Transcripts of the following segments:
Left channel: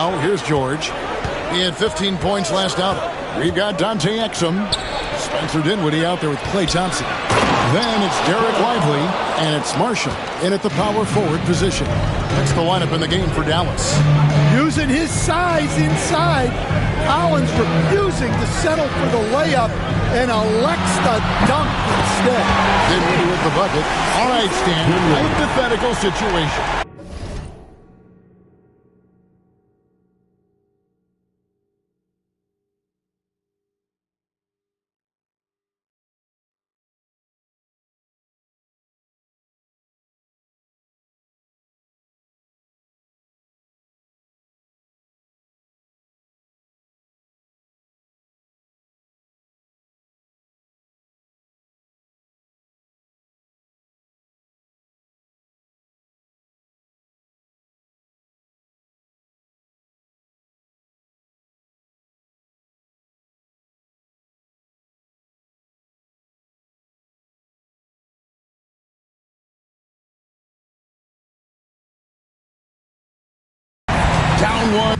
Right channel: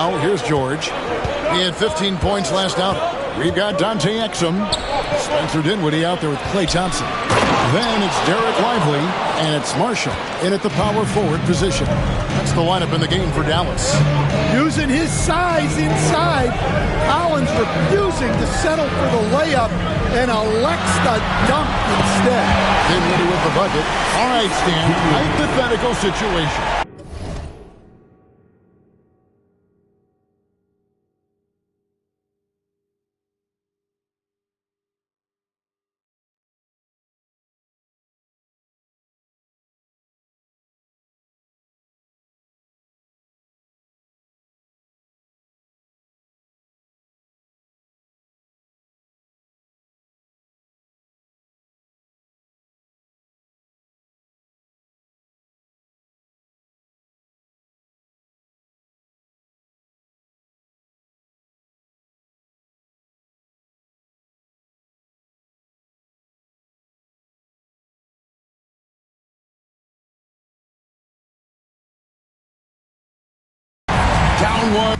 now. Here's George. He had 15 points last outing. We've got Dante Exum. Spencer Dinwiddie out there with Klay Thompson. Then it's Derek Lively, and it's Marshall in at the power forward position. That's the lineup in the game for Dallas. Using his size inside, Collins refusing to settle for the layup and elects the dunk instead. Dinwiddie with the bucket. All right, Stan, hypothetical situation. Down one.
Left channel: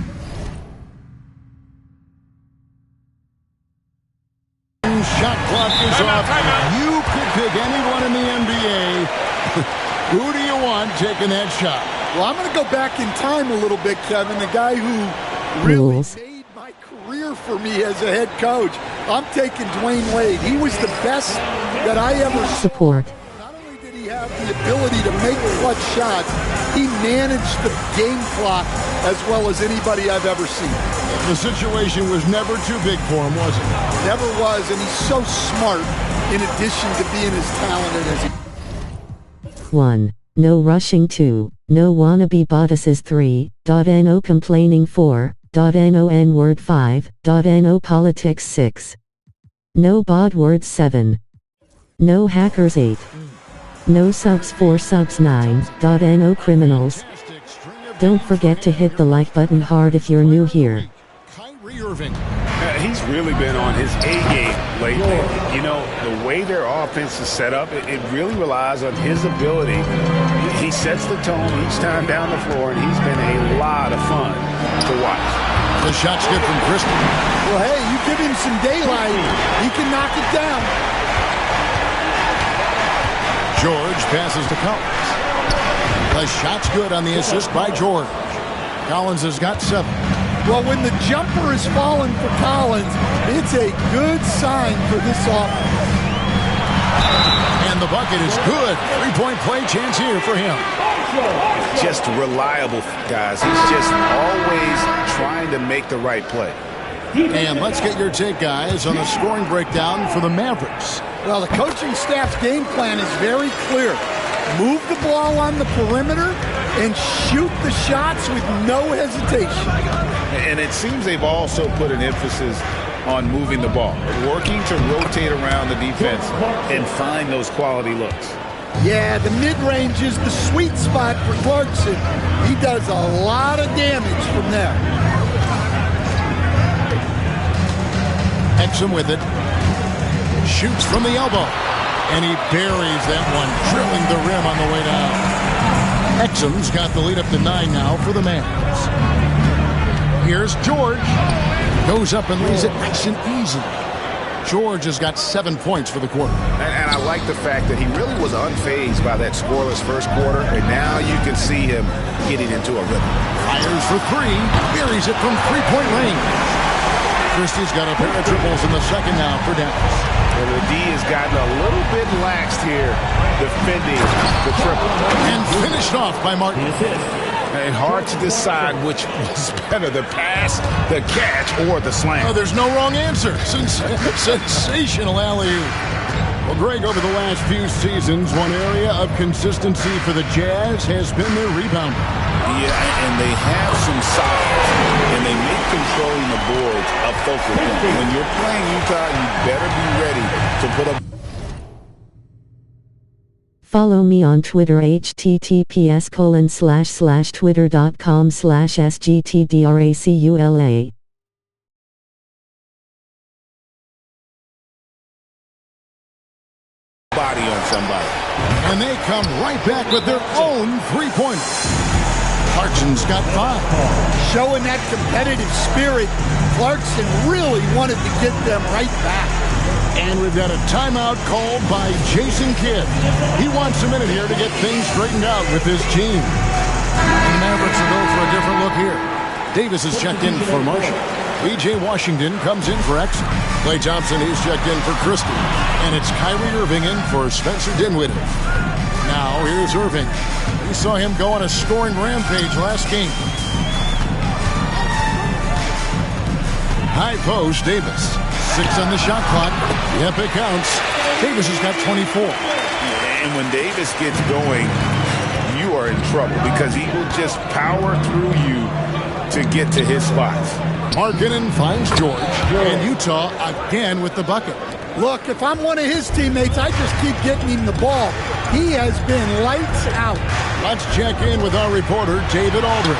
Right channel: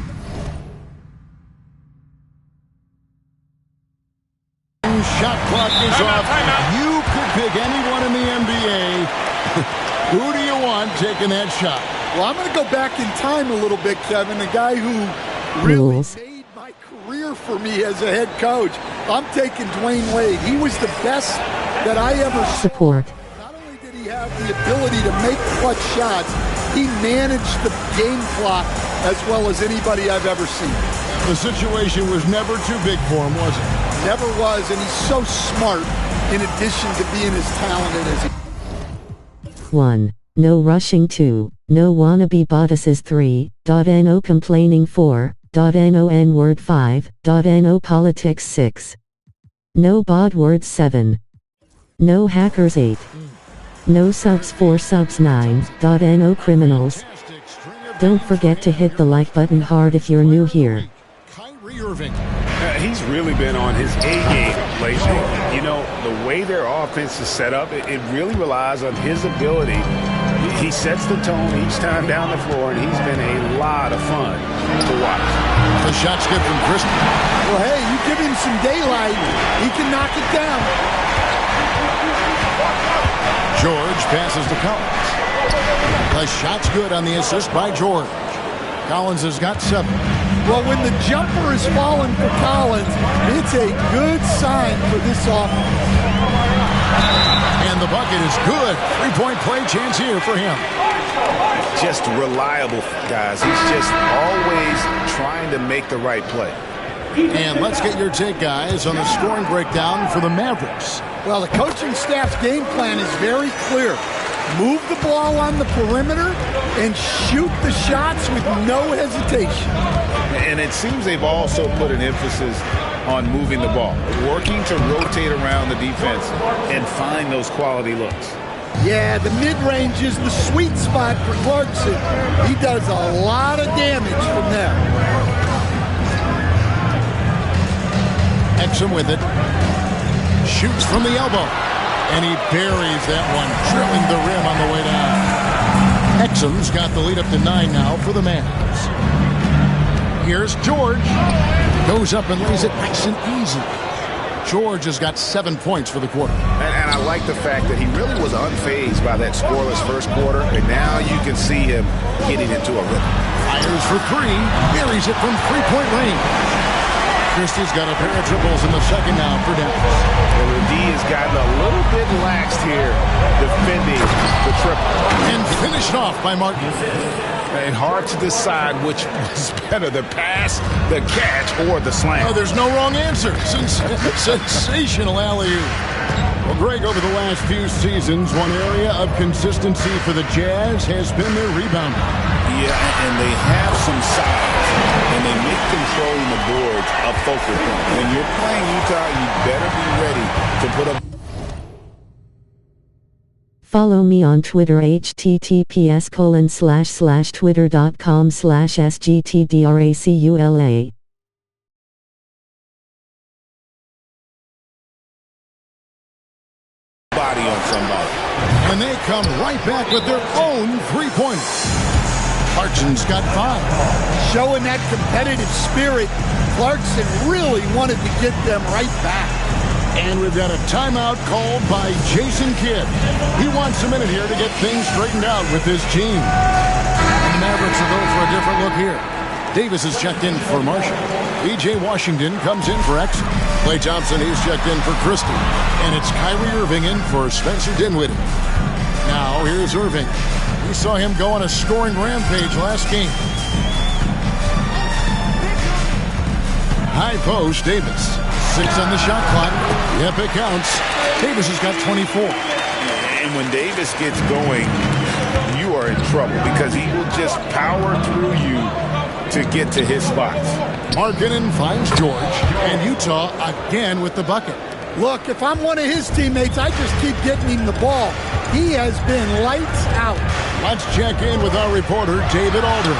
Shot clock is off. You could pick anyone in the NBA. Who do you want taking that shot? Well, I'm going to go back in time a little bit, Kevin. The guy who really made my career for me as a head coach. I'm taking Dwayne Wade. He was the best that I ever saw. Not only did he have the ability to make clutch shots, he managed the game clock as well as anybody I've ever seen. The situation was never too big for him, was it? Never was, and he's so smart in addition to being as talented as he. 1. No rushing. 2. No wannabe bodices. 3. No complaining. 4. No n-word. 5. No politics. 6. No bod words. 7. No hackers. 8. No subs. 4 subs. 9. No criminals. Don't forget to hit the like button hard if you're new here. Kyrie Irving. He's really been on his A-game lately. You know, the way their offense is set up, it really relies on his ability. He sets the tone each time down the floor, and he's been a lot of fun to watch. The shot's good from Christie. Well, hey, you give him some daylight, he can knock it down. George passes to Collins. The shot's good on the assist by George. Collins has got 7. Well, when the jumper is falling for Collins, it's a good sign for this offense. And the bucket is good. 3-point play chance here for him. Just reliable, guys. He's just always trying to make the right play. And let's get your take, guys, on the scoring breakdown for the Mavericks. Well, the coaching staff's game plan is very clear. Move the ball on the perimeter and shoot the shots with no hesitation. And it seems they've also put an emphasis on moving the ball, working to rotate around the defense and find those quality looks. Yeah, the mid-range is the sweet spot for Clarkson. He does a lot of damage from there. Exum with it. Shoots from the elbow. And he buries that one, drilling the rim on the way down. Exum's got the lead up to 9 now for the Mavs. Here's George. Goes up and lays it nice and easy. George has got 7 points for the quarter. And I like the fact that he really was unfazed by that scoreless first quarter, and now you can see him getting into a rhythm. Fires for 3, buries it from 3-point range. Christie's got a pair of triples in the second now for Dallas. And the D has gotten a little bit laxed here defending the triple. And finished off by Martin. And hard to decide which was better, the pass, the catch, or the slam. Oh, there's no wrong answer. Sensational alley-oop. Well, Greg, over the last few seasons, one area of consistency for the Jazz has been their rebounding. Yeah, and they have some size, and they make controlling the boards a focal point. When you're playing Utah, you better be ready to put up. Follow me on Twitter, https://twitter.com/sgtdracula. Body on somebody. And they come right back with their own three-pointer. Clarkson's got 5. Showing that competitive spirit, Clarkson really wanted to get them right back. And we've got a timeout called by Jason Kidd. He wants a minute here to get things straightened out with his team. And the Mavericks will go for a different look here. Davis is checked in for Marshall. E.J. Washington comes in for Exum. Klay Thompson, he's checked in for Christie. And it's Kyrie Irving in for Spencer Dinwiddie. Now, here's Irving. We saw him go on a scoring rampage last game. High post, Davis. 6 on the shot clock. Yep, it counts. Davis has got 24. And when Davis gets going, you are in trouble because he will just power through you to get to his spots. Markkanen finds George, and Utah again with the bucket. Look, if I'm one of his teammates, I just keep getting him the ball. He has been lights out. Let's check in with our reporter, David Aldridge.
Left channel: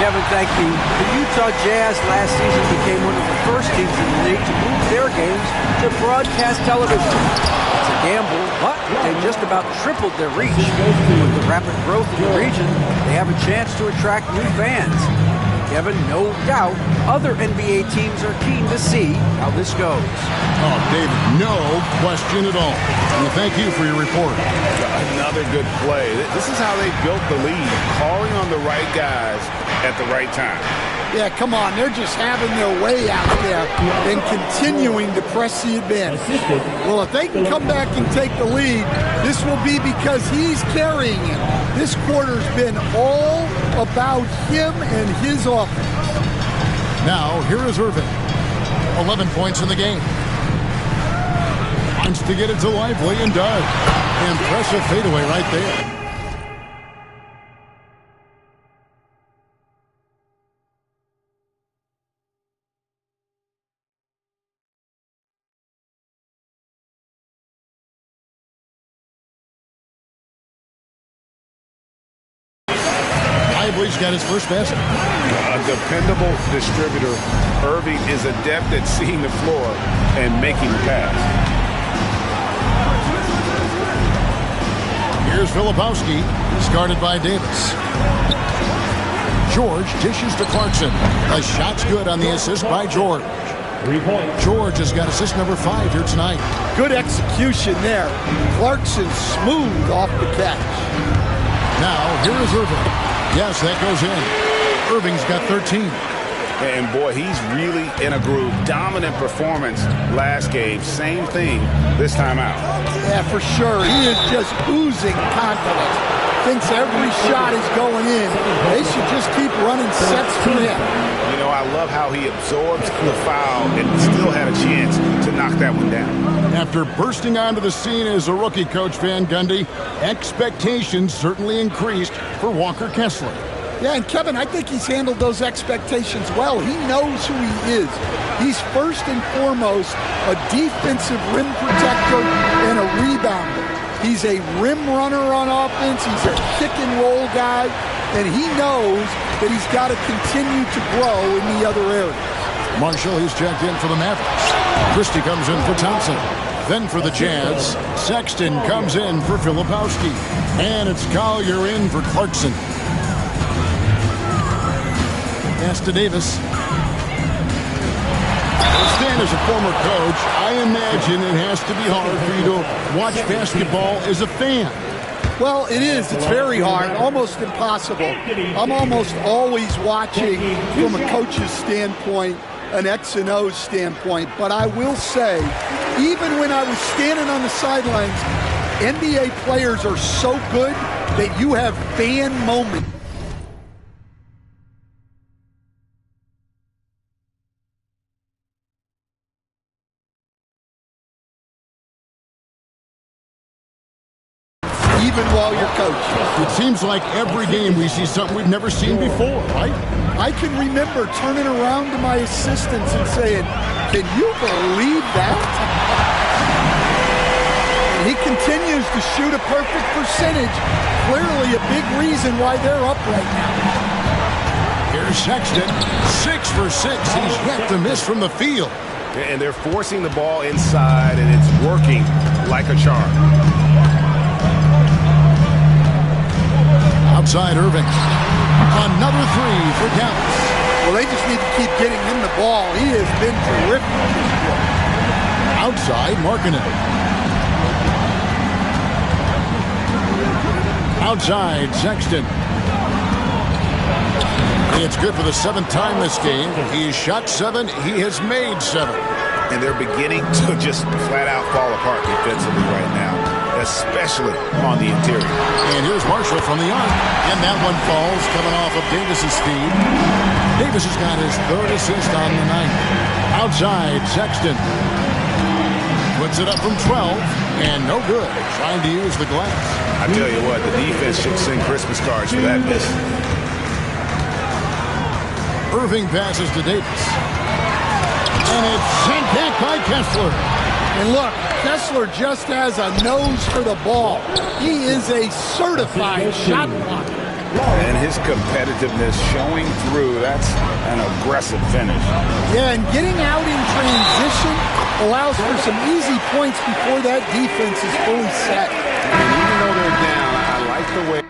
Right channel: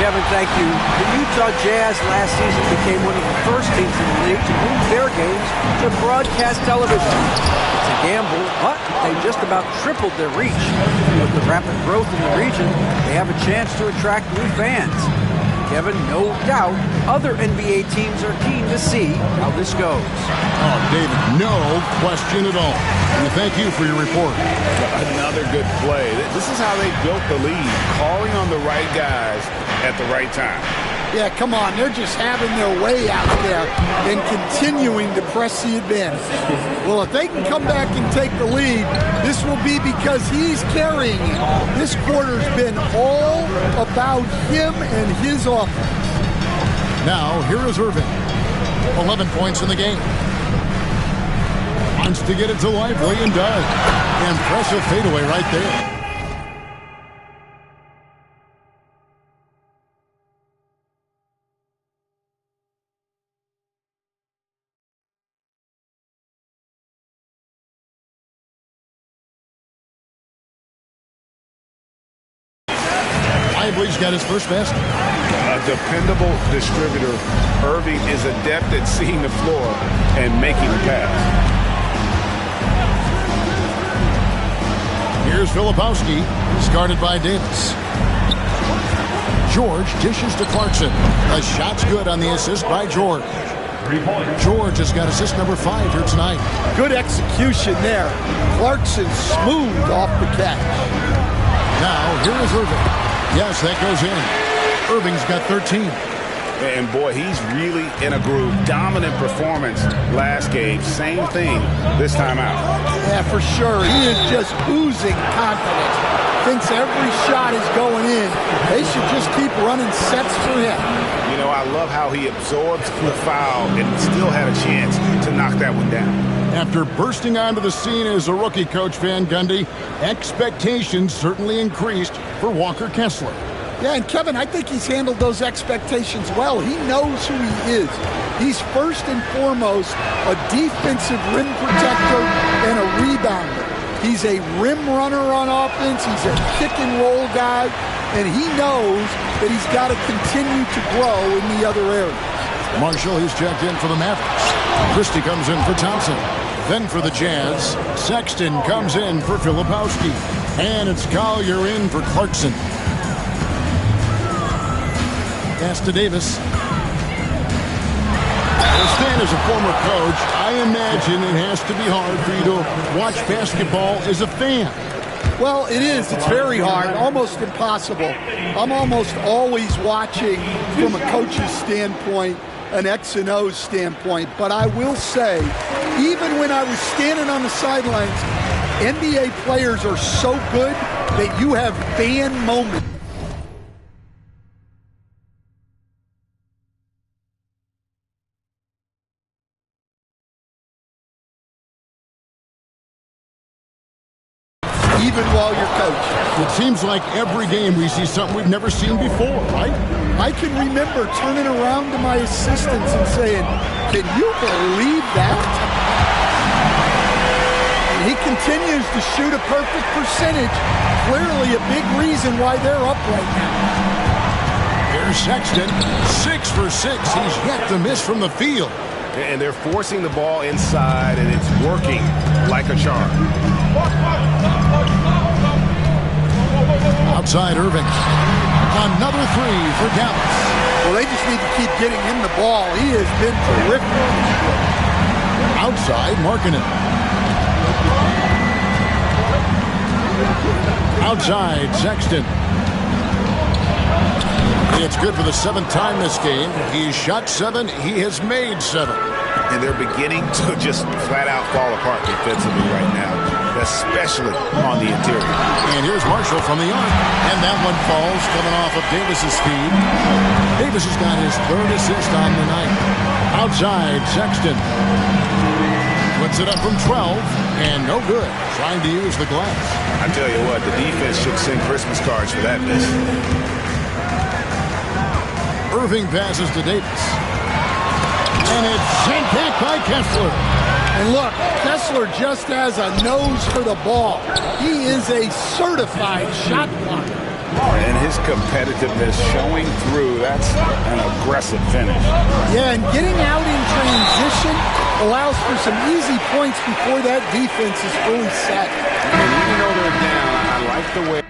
Kevin, thank you. The Utah Jazz last season became one of the first teams in the league to move their games to broadcast television. It's a gamble, but they just about tripled their reach. With the rapid growth in the region, they have a chance to attract new fans. Kevin, no doubt, other NBA teams are keen to see how this goes. Oh, David, no question at all. We thank you for your report. Another good play. This is how they built the lead, calling on the right guys at the right time. Yeah, come on. They're just having their way out there and continuing to press the advantage. Well, if they can come back and take the lead, this will be because he's carrying it. This quarter's been all about him and his offense. Now, here is Irving. 11 points in the game. Wants to get it to Lively and does. Impressive fadeaway right there. Lively's got his first basket. A dependable distributor, Irving is adept at seeing the floor and making the pass. Here's Filipowski. He's guarded by Davis. George dishes to Clarkson. The shot's good on the assist by George. 3 points. George has got assist number 5 here tonight. Good execution there. Clarkson smooth off the catch. Now, here is Irving. Yes, that goes in. Irving's got 13. And boy, he's really in a groove. Dominant performance last game. Same thing this time out. Yeah, for sure. He is just oozing confidence. Thinks every shot is going in. They should just keep running sets for him. You know, I love how he absorbs the foul and still had a chance to knock that one down. After bursting onto the scene as a rookie, Coach Van Gundy, expectations certainly increased for Walker Kessler. Yeah, and Kevin, I think he's handled those expectations well. He knows who he is. He's first and foremost a defensive rim protector and a rebounder. He's a rim runner on offense. He's a kick and roll guy, and he knows that he's got to continue to grow in the other areas. Marshall, he's checked in for the Mavericks. Christie comes in for Thompson. Then for the Jazz, Sexton comes in for Filipowski. And it's Collier in for Clarkson. Pass to Davis. Well, Stan, as a former coach, I imagine it has to be hard for you to watch basketball as a fan. Well, it is. It's very hard, almost impossible. I'm almost always watching from a coach's standpoint, an X and O standpoint. But I will say, even when I was standing on the sidelines, NBA players are so good that you have fan moments. Even while you're coaching. It seems like every game we see something we've never seen before, right? I can remember turning around to my assistants and saying, "Can you believe that?" And he continues to shoot a perfect percentage. Clearly a big reason why they're up right now. Here's Sexton, 6 for 6. He's yet to miss from the field. And they're forcing the ball inside, and it's working like a charm. Outside Irving. Another three for Dallas. Well, they just need to keep getting him the ball. He has been terrific this quarter. Outside, Markkanen. Outside, Sexton. It's good for the 7th time this game. He's shot 7. He has made 7. And they're beginning to just flat out fall apart defensively right now, especially on the interior. And here's Marshall from the arc. And that one falls coming off of Davis's feed. Davis has got his 3rd assist on the night. Outside, Sexton. Puts it up from 12, and no good. Trying to use the glass. I tell you what, the defense should send Christmas cards for that miss. Irving passes to Davis. And it's sent back by Kessler. And look, Kessler just has a nose for the ball. He is a certified shot blocker. And his competitiveness showing through. That's an aggressive finish. Yeah, and getting out in transition allows for some easy points before that defense is fully set. And even though they're down, I like the way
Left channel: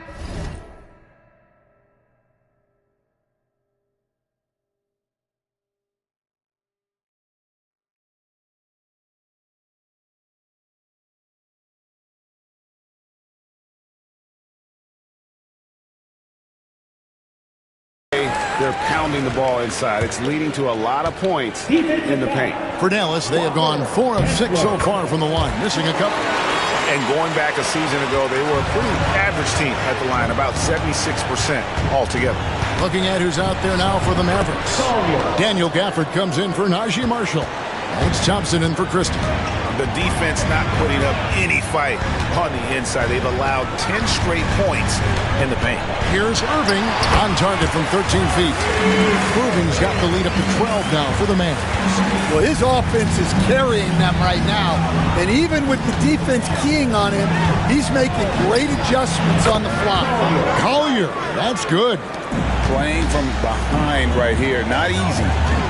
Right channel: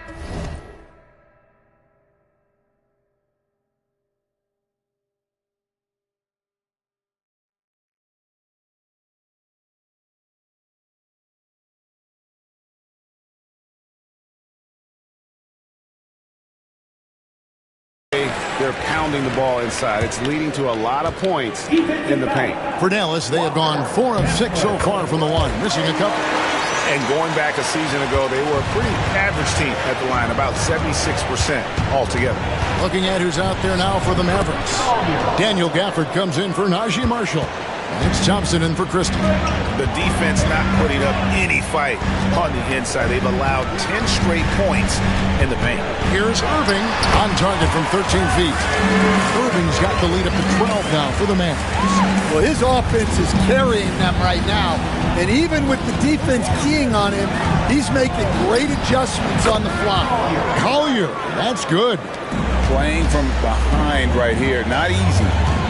they're pounding the ball inside. It's leading to a lot of points in the paint. For Dallas, they have gone 4 of 6 so far from the line, missing a couple. And going back a season ago, they were a pretty average team at the line, about 76% altogether. Looking at who's out there now for the Mavericks. Daniel Gafford comes in for Najee Marshall. Thanks Thompson in for Christie. The defense not putting up any fight on the inside. They've allowed 10 straight points in the paint. Here's Irving on target from 13 feet. Irving's got the lead up to 12 now for the Mavs. Well, his offense is carrying them right now. And even with the defense keying on him, he's making great adjustments on the fly. Collier, that's good. Playing from behind right here, not easy,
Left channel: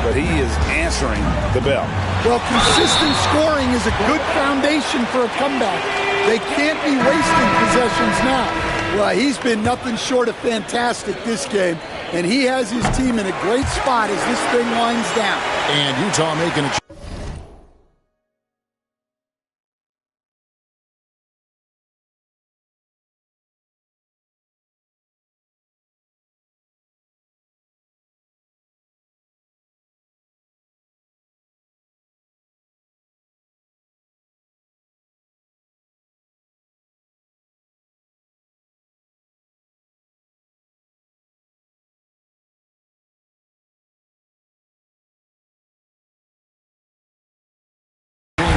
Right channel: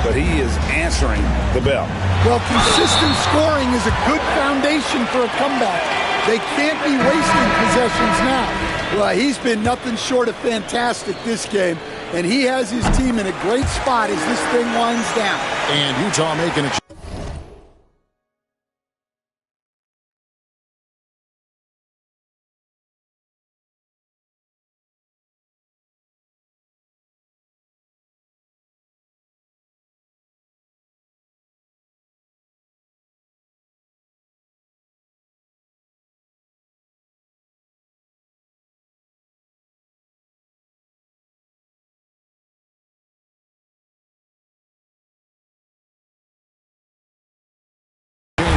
but he is answering the bell. Well, consistent scoring is a good foundation for a comeback. They can't be wasting possessions now. Well, he's been nothing short of fantastic this game, and he has his team in a great spot as this thing winds down. And Utah making a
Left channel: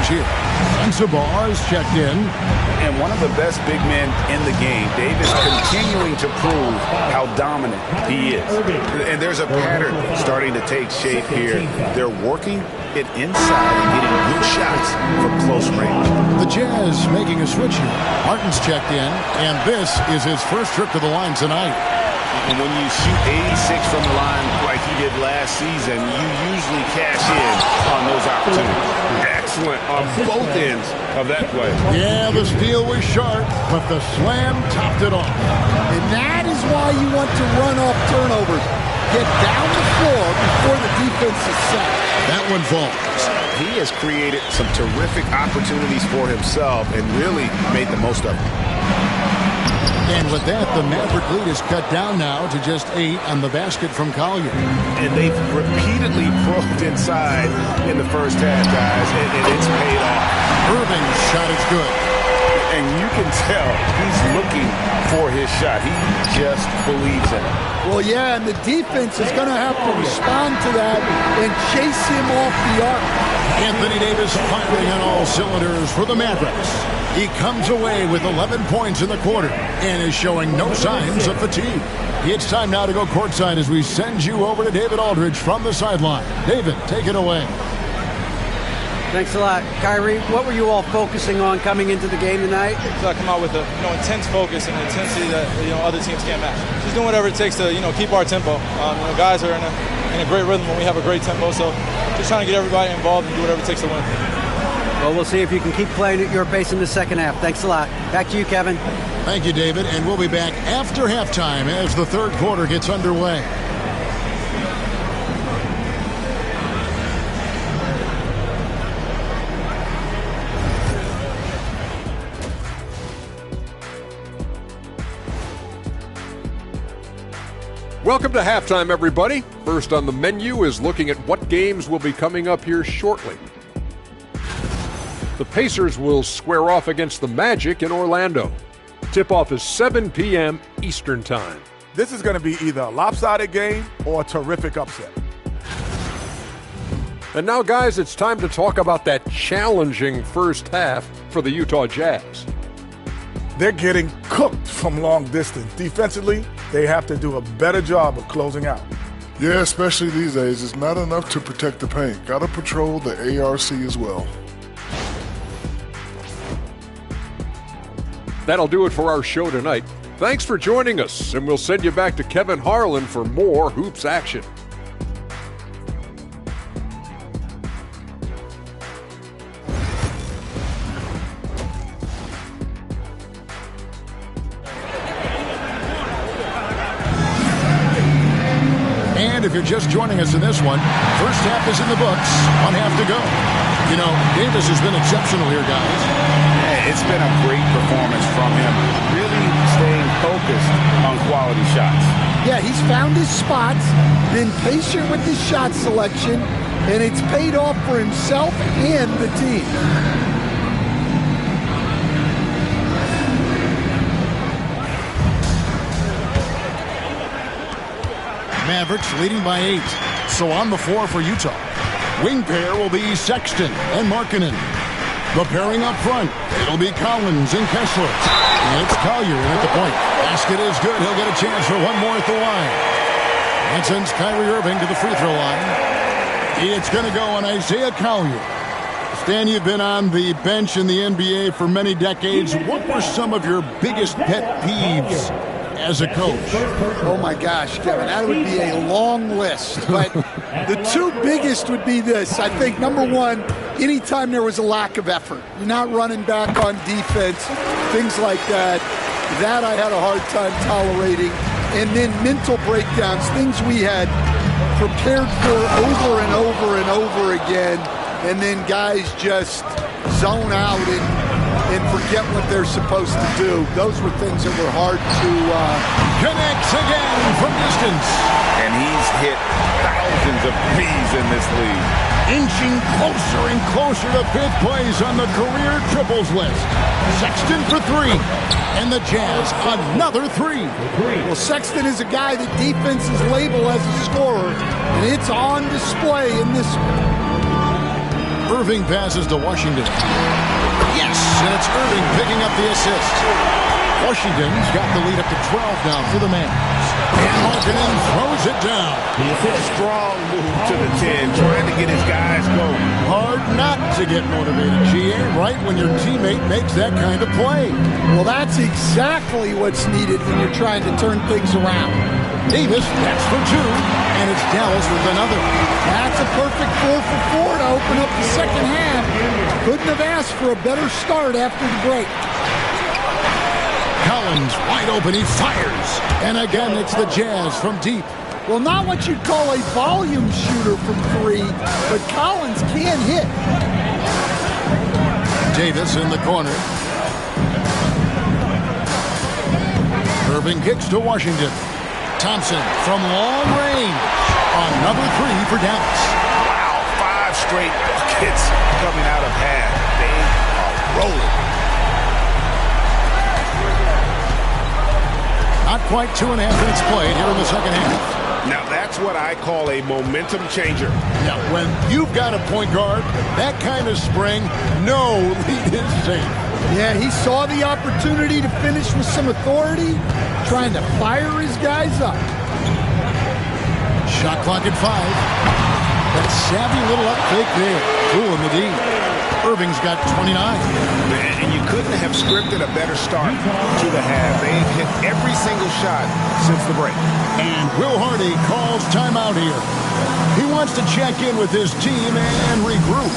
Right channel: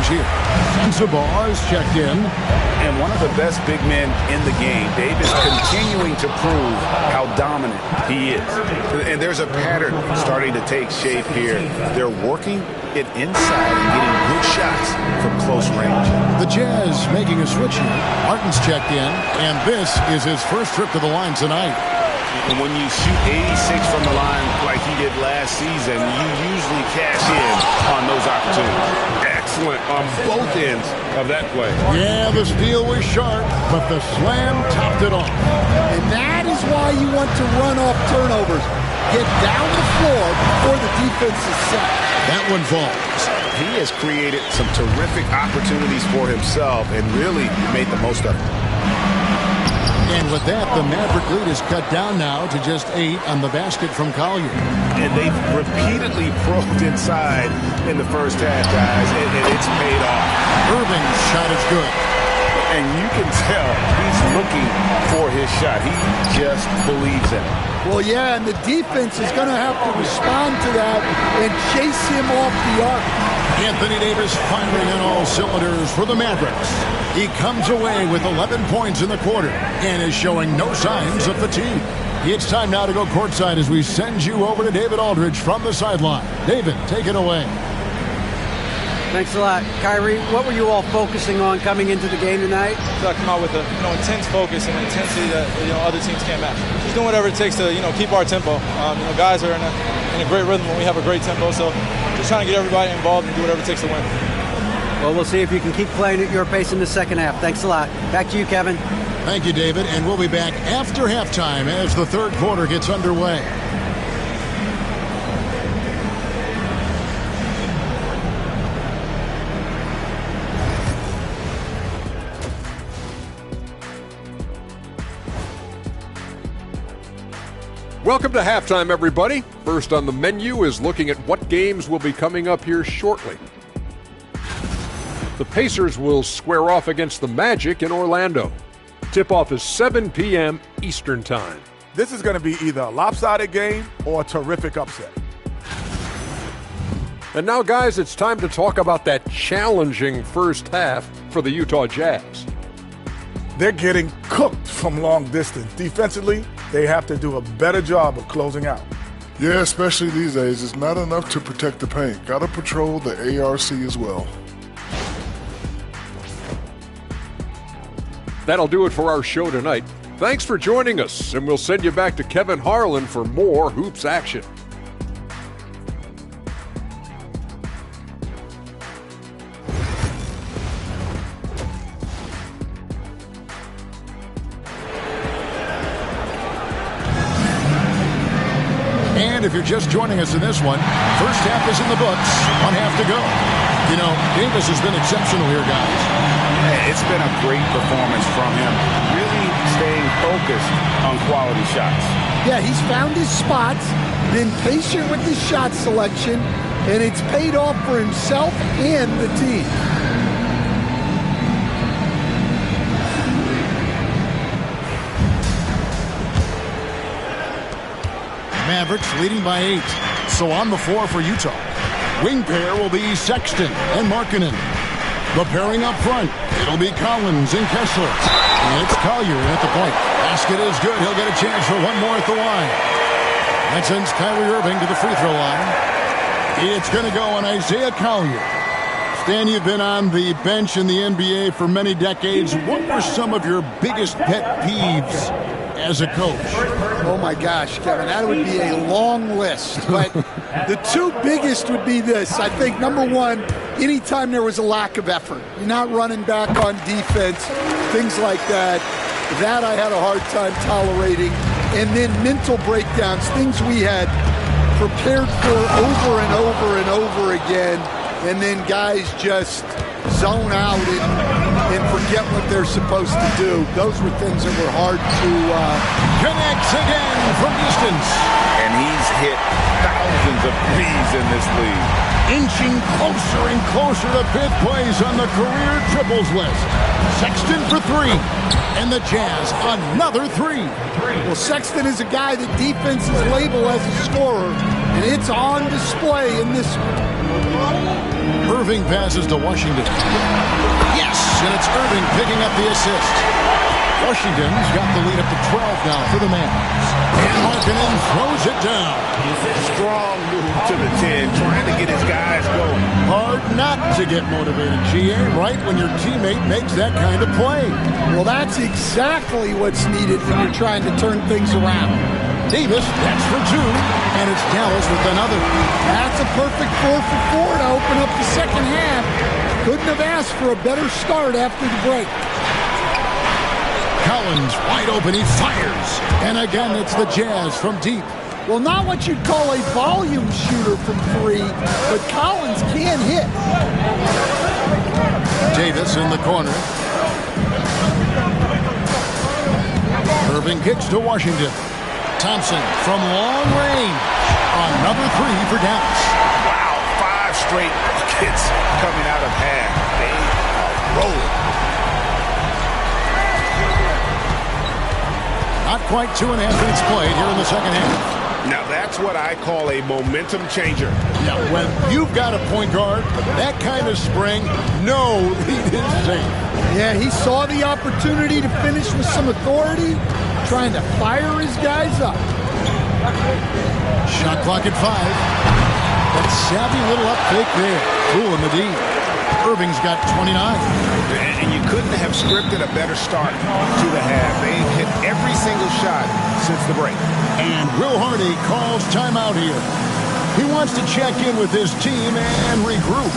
here. Sensabaugh is checked in. And one of the best big men in the game, Davis, continuing to prove how dominant he is. And there's a pattern starting to take shape here. They're working it inside and getting good shots from close range. The Jazz making a switch here. Martin's checked in, and this is his first trip to the line tonight. And when you shoot 86 from the line like he did last season, you usually cash in on those opportunities. Excellent on both ends of that play. Yeah, the steal was sharp, but the slam topped it off. And that is why you want to run off turnovers. Get down the floor before the defense is set. That one falls. He has created some terrific opportunities for himself and really made the most of it. And with that, the Maverick lead is cut down now to just 8 on the basket from Collier. And they've repeatedly probed inside in the first half, guys, and it's paid off. Irving's shot is good. And you can tell he's looking for his shot. He just believes in it. Well, yeah, and the defense is going to have to respond to that and chase him off the arc. Anthony Davis firing on all cylinders for the Mavericks. He comes away with 11 points in the quarter and is showing no signs of fatigue. It's time now to go courtside as we send you over to David Aldridge from the sideline. David, take it away. Thanks a lot. Kyrie, what were you all focusing on coming into the game tonight? So I come out with a intense focus and an intensity that other teams can't match. Just doing whatever it takes to keep our tempo. Guys are in a great rhythm when we have a great tempo. So just trying to get everybody involved and do whatever it takes to win. Well, we'll see if you can keep playing at your pace in the second half. Thanks a lot. Back to you, Kevin. Thank you, David. And we'll be back after halftime as the third quarter gets underway. Welcome to halftime, everybody. First on the menu is looking at what games will be coming up here shortly. The Pacers will square off against the Magic in Orlando. Tip-off is 7 p.m. Eastern Time. This is going to be either a lopsided game or a terrific upset. And now, guys, it's time to talk about that challenging first half for the Utah Jazz. They're getting cooked from long distance. Defensively, they have to do a better job of closing out. Yeah, especially these days. It's not enough to protect the paint. Got to patrol the ARC as well. That'll do it for our show tonight. Thanks for joining us, and we'll send you back to Kevin Harlan for more Hoops action. And if you're just joining us in this one, first half is in the books, one half to go. You know, Davis has been exceptional here, guys. Yeah, it's been a great performance from him, really staying focused on quality shots. Yeah, he's found his spots, been patient with his shot selection, and it's paid off for himself and the team. Mavericks leading by 8. So on the floor for Utah. Wing pair will be Sexton and Markkanen. The pairing up front, it'll be Collins and Kessler. And it's Collier in at the point. Basket is good. He'll get a chance for one more at the line. That sends Kyrie Irving to the free throw line. It's going to go on Isaiah Collier. Stan, you've been on the bench in the NBA for many decades. What were some of your biggest pet peeves as a coach? Oh my gosh, Kevin, that would be a long list. But the two biggest would be this. I think number one, anytime there was a lack of effort, you're not running back on defense, things like that. That I had a hard time tolerating. And then mental breakdowns, things we had prepared for over and over and over again. And then guys just zone out and forget what they're supposed to do. Those were things that were hard to... Connects again from distance. And he's hit thousands of threes in this league. Inching closer and closer to fifth place on the career triples list. Sexton for 3. And the Jazz, another 3. Well, Sexton is a guy that defenses label as a scorer, and it's on display in this one. Irving passes to Washington. Yes, and it's Irving picking up the assist. Washington's got the lead up to 12 now for the Mavs. And Markkanen throws it down. Strong move to the 10, trying to get his guys going. Hard not to get motivated, GA, right when your teammate makes that kind of play. Well, that's exactly what's needed when you're trying to turn things around. Davis, that's for 2, and it's Dallas with another. That's a perfect 4 for 4 to open up the second half. Couldn't have asked for a better start after the break. Collins wide open, he fires. And again, it's the Jazz from deep. Well, not what you'd call a volume shooter from 3, but Collins can hit. Davis in the corner. Irving kicks to Washington. Thompson from long range. Another 3 for Dallas. Wow, 5 straight buckets coming out of half. They are rolling. Not quite 2.5 minutes played here in the second half. Now that's what I call a momentum changer. Yeah, when you've got a point guard with that kind of spring, no lead is safe. Yeah, he saw the opportunity to finish with some authority, trying to fire his guys up. Shot clock at 5. That savvy little up fake there. Fooling the D. Irving's got 29. And you couldn't have scripted a better start to the half. They've hit every single shot since the break. And Will Hardy calls timeout here. He wants to check in with his team and regroup.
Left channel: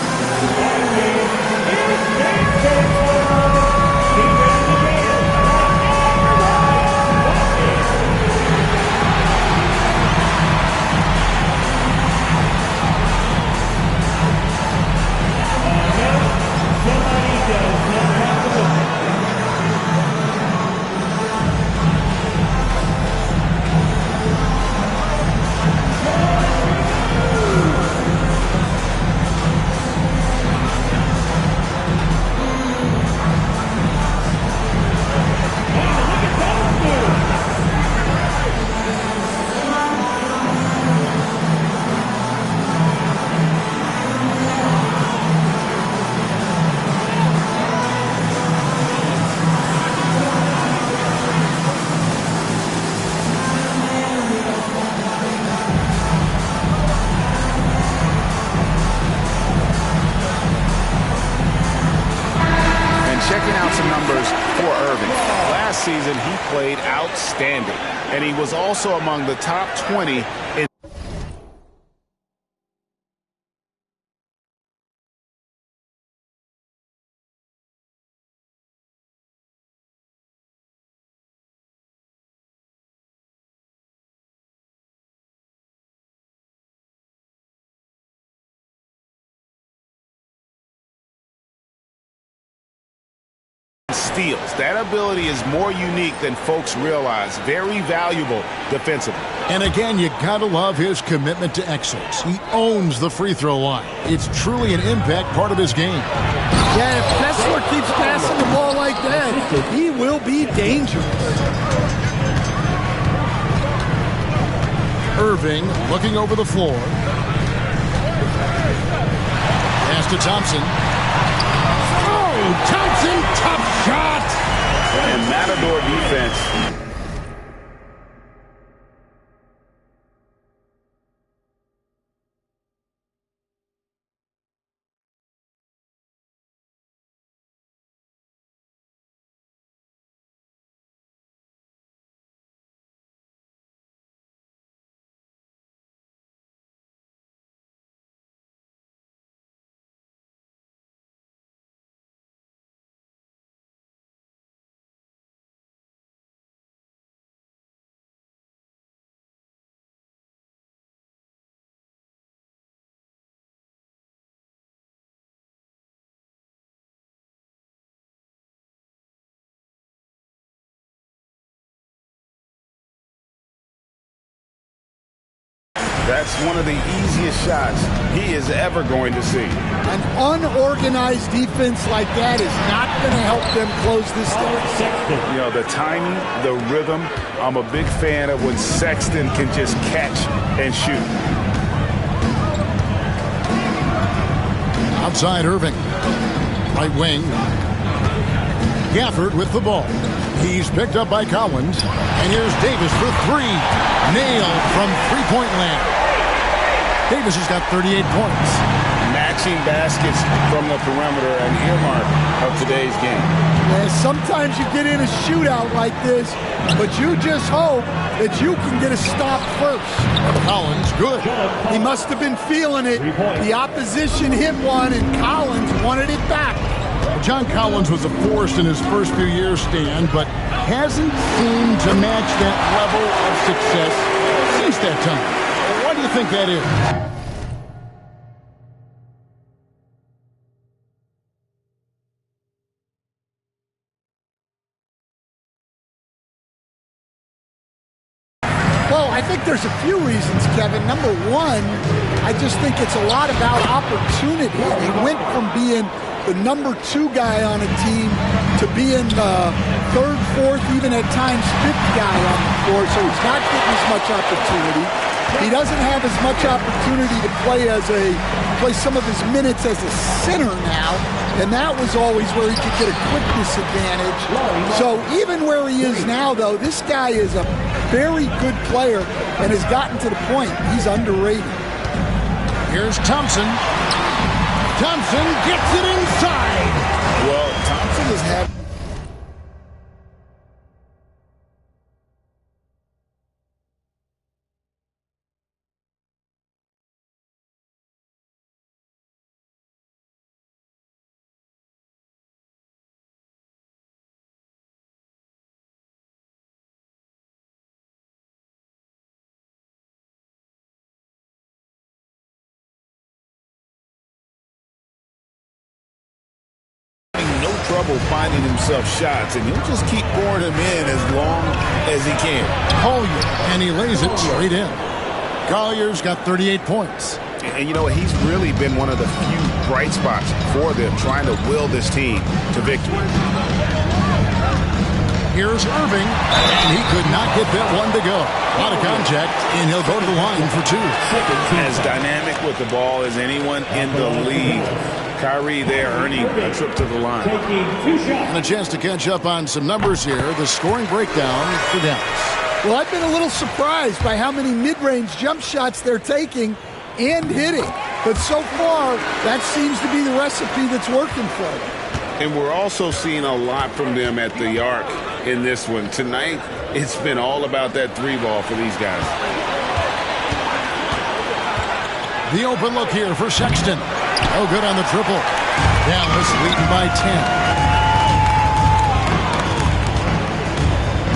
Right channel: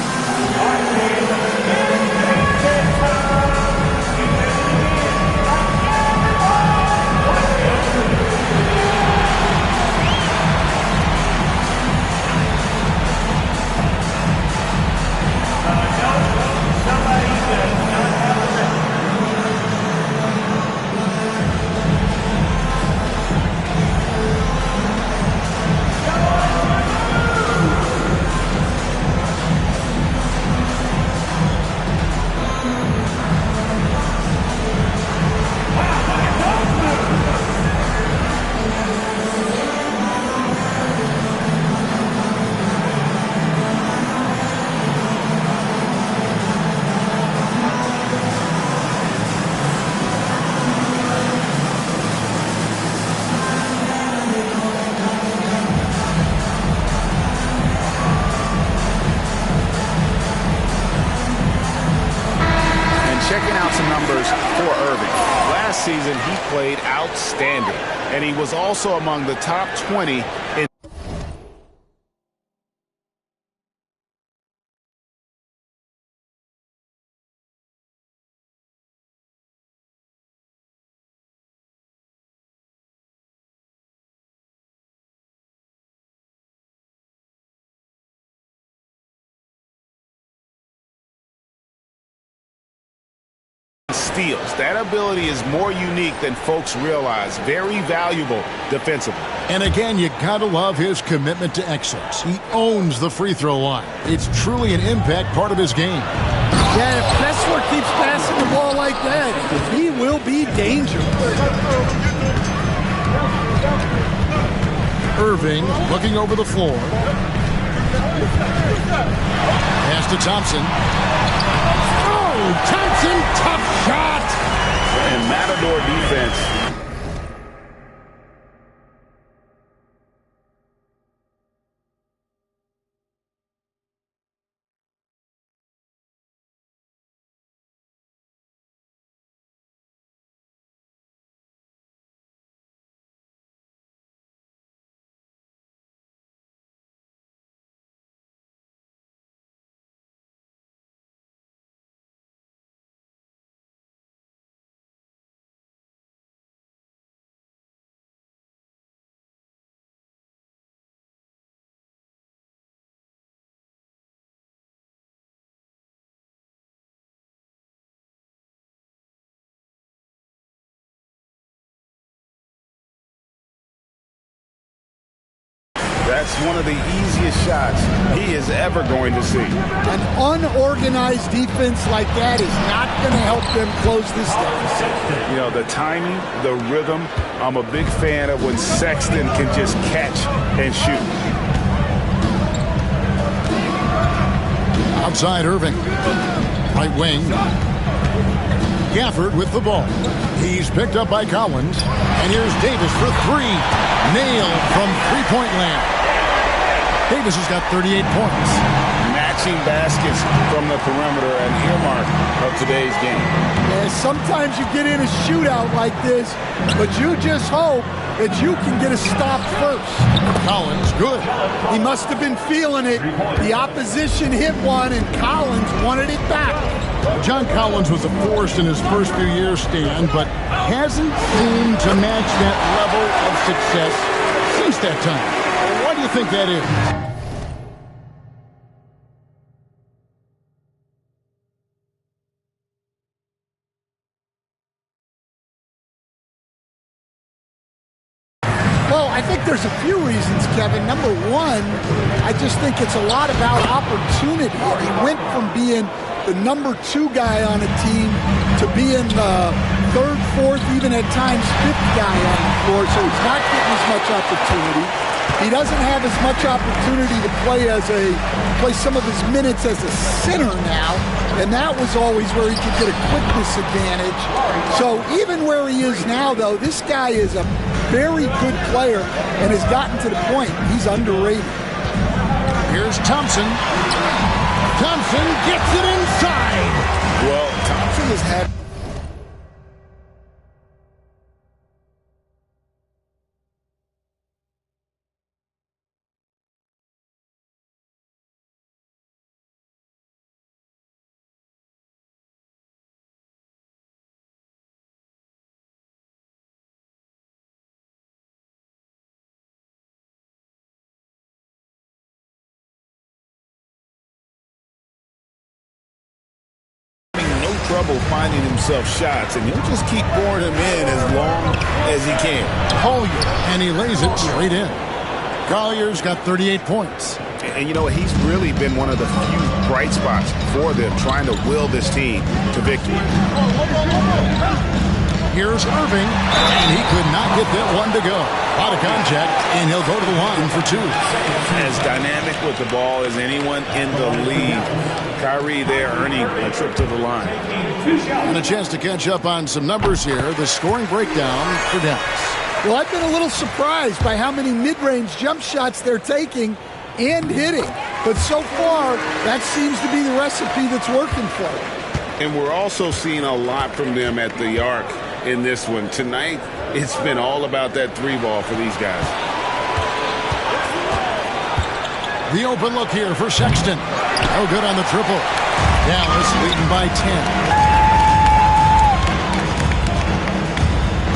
checking out some numbers for Irving. Last season, he played outstanding, and he was also among the top 20 in steals. That ability is more unique than folks realize. Very valuable defensively. And again, you gotta love his commitment to excellence. He owns the free throw line. It's truly an impact part of his game. Yeah, if Kessler keeps passing the ball like that, he will be dangerous. Irving looking over the floor. Pass to Thompson. Oh, Thompson, tough shot. And Matador defense. That's one of the easiest shots he is ever going to see. An unorganized defense like that is not going to help them close this deficit. You know, the timing, the rhythm, I'm a big fan of when Sexton can just catch and shoot. Outside Irving. Right wing. Gafford with the ball. He's picked up by Collins. And here's Davis for three. Nailed from three-point land. Davis has got 38 points. Matching baskets from the perimeter, an earmark of today's game. Yeah, sometimes you get in a shootout like this, but you just hope that you can get a stop first. Collins, good. He must have been feeling it. The opposition hit one, and Collins wanted it back. John Collins was a force in his first few years, Stan, but hasn't seemed to match that level of success since that time. Why do you think that is? Well, I think there's a few reasons, Kevin. Number one, I just think it's a lot about opportunity. And he went from being the number 2 guy on a team to being the 3rd, 4th, even at times 5th guy on the floor. So he's not getting as much opportunity. He doesn't have as much opportunity to play some of his minutes as a center now, and that was always where he could get a quickness advantage. So even where he is now, though, this guy is a very good player and has gotten to the point he's underrated. Here's Thompson. Thompson gets it inside. Well, Thompson has had... no trouble finding himself shots, and he'll just keep pouring them in as long as he can. Collier, and he lays it straight in. Collier's got 38 points. And you know, he's really been one of the few bright spots for them, trying to will this team to victory. Here's Irving, and he could not get that one to go. A lot of contact, and he'll go to the line for 2. As dynamic with the ball as anyone in the league. Kyrie there earning a trip to the line. And a chance to catch up on some numbers here. The scoring breakdown for Dallas. Well, I've been a little surprised by how many mid-range jump shots they're taking and hitting. But so far, that seems to be the recipe that's working for them. And we're also seeing a lot from them at the arc in this one. Tonight, it's been all about that 3-ball for these guys. The open look here for Sexton. No good on the triple. Dallas leading by 10.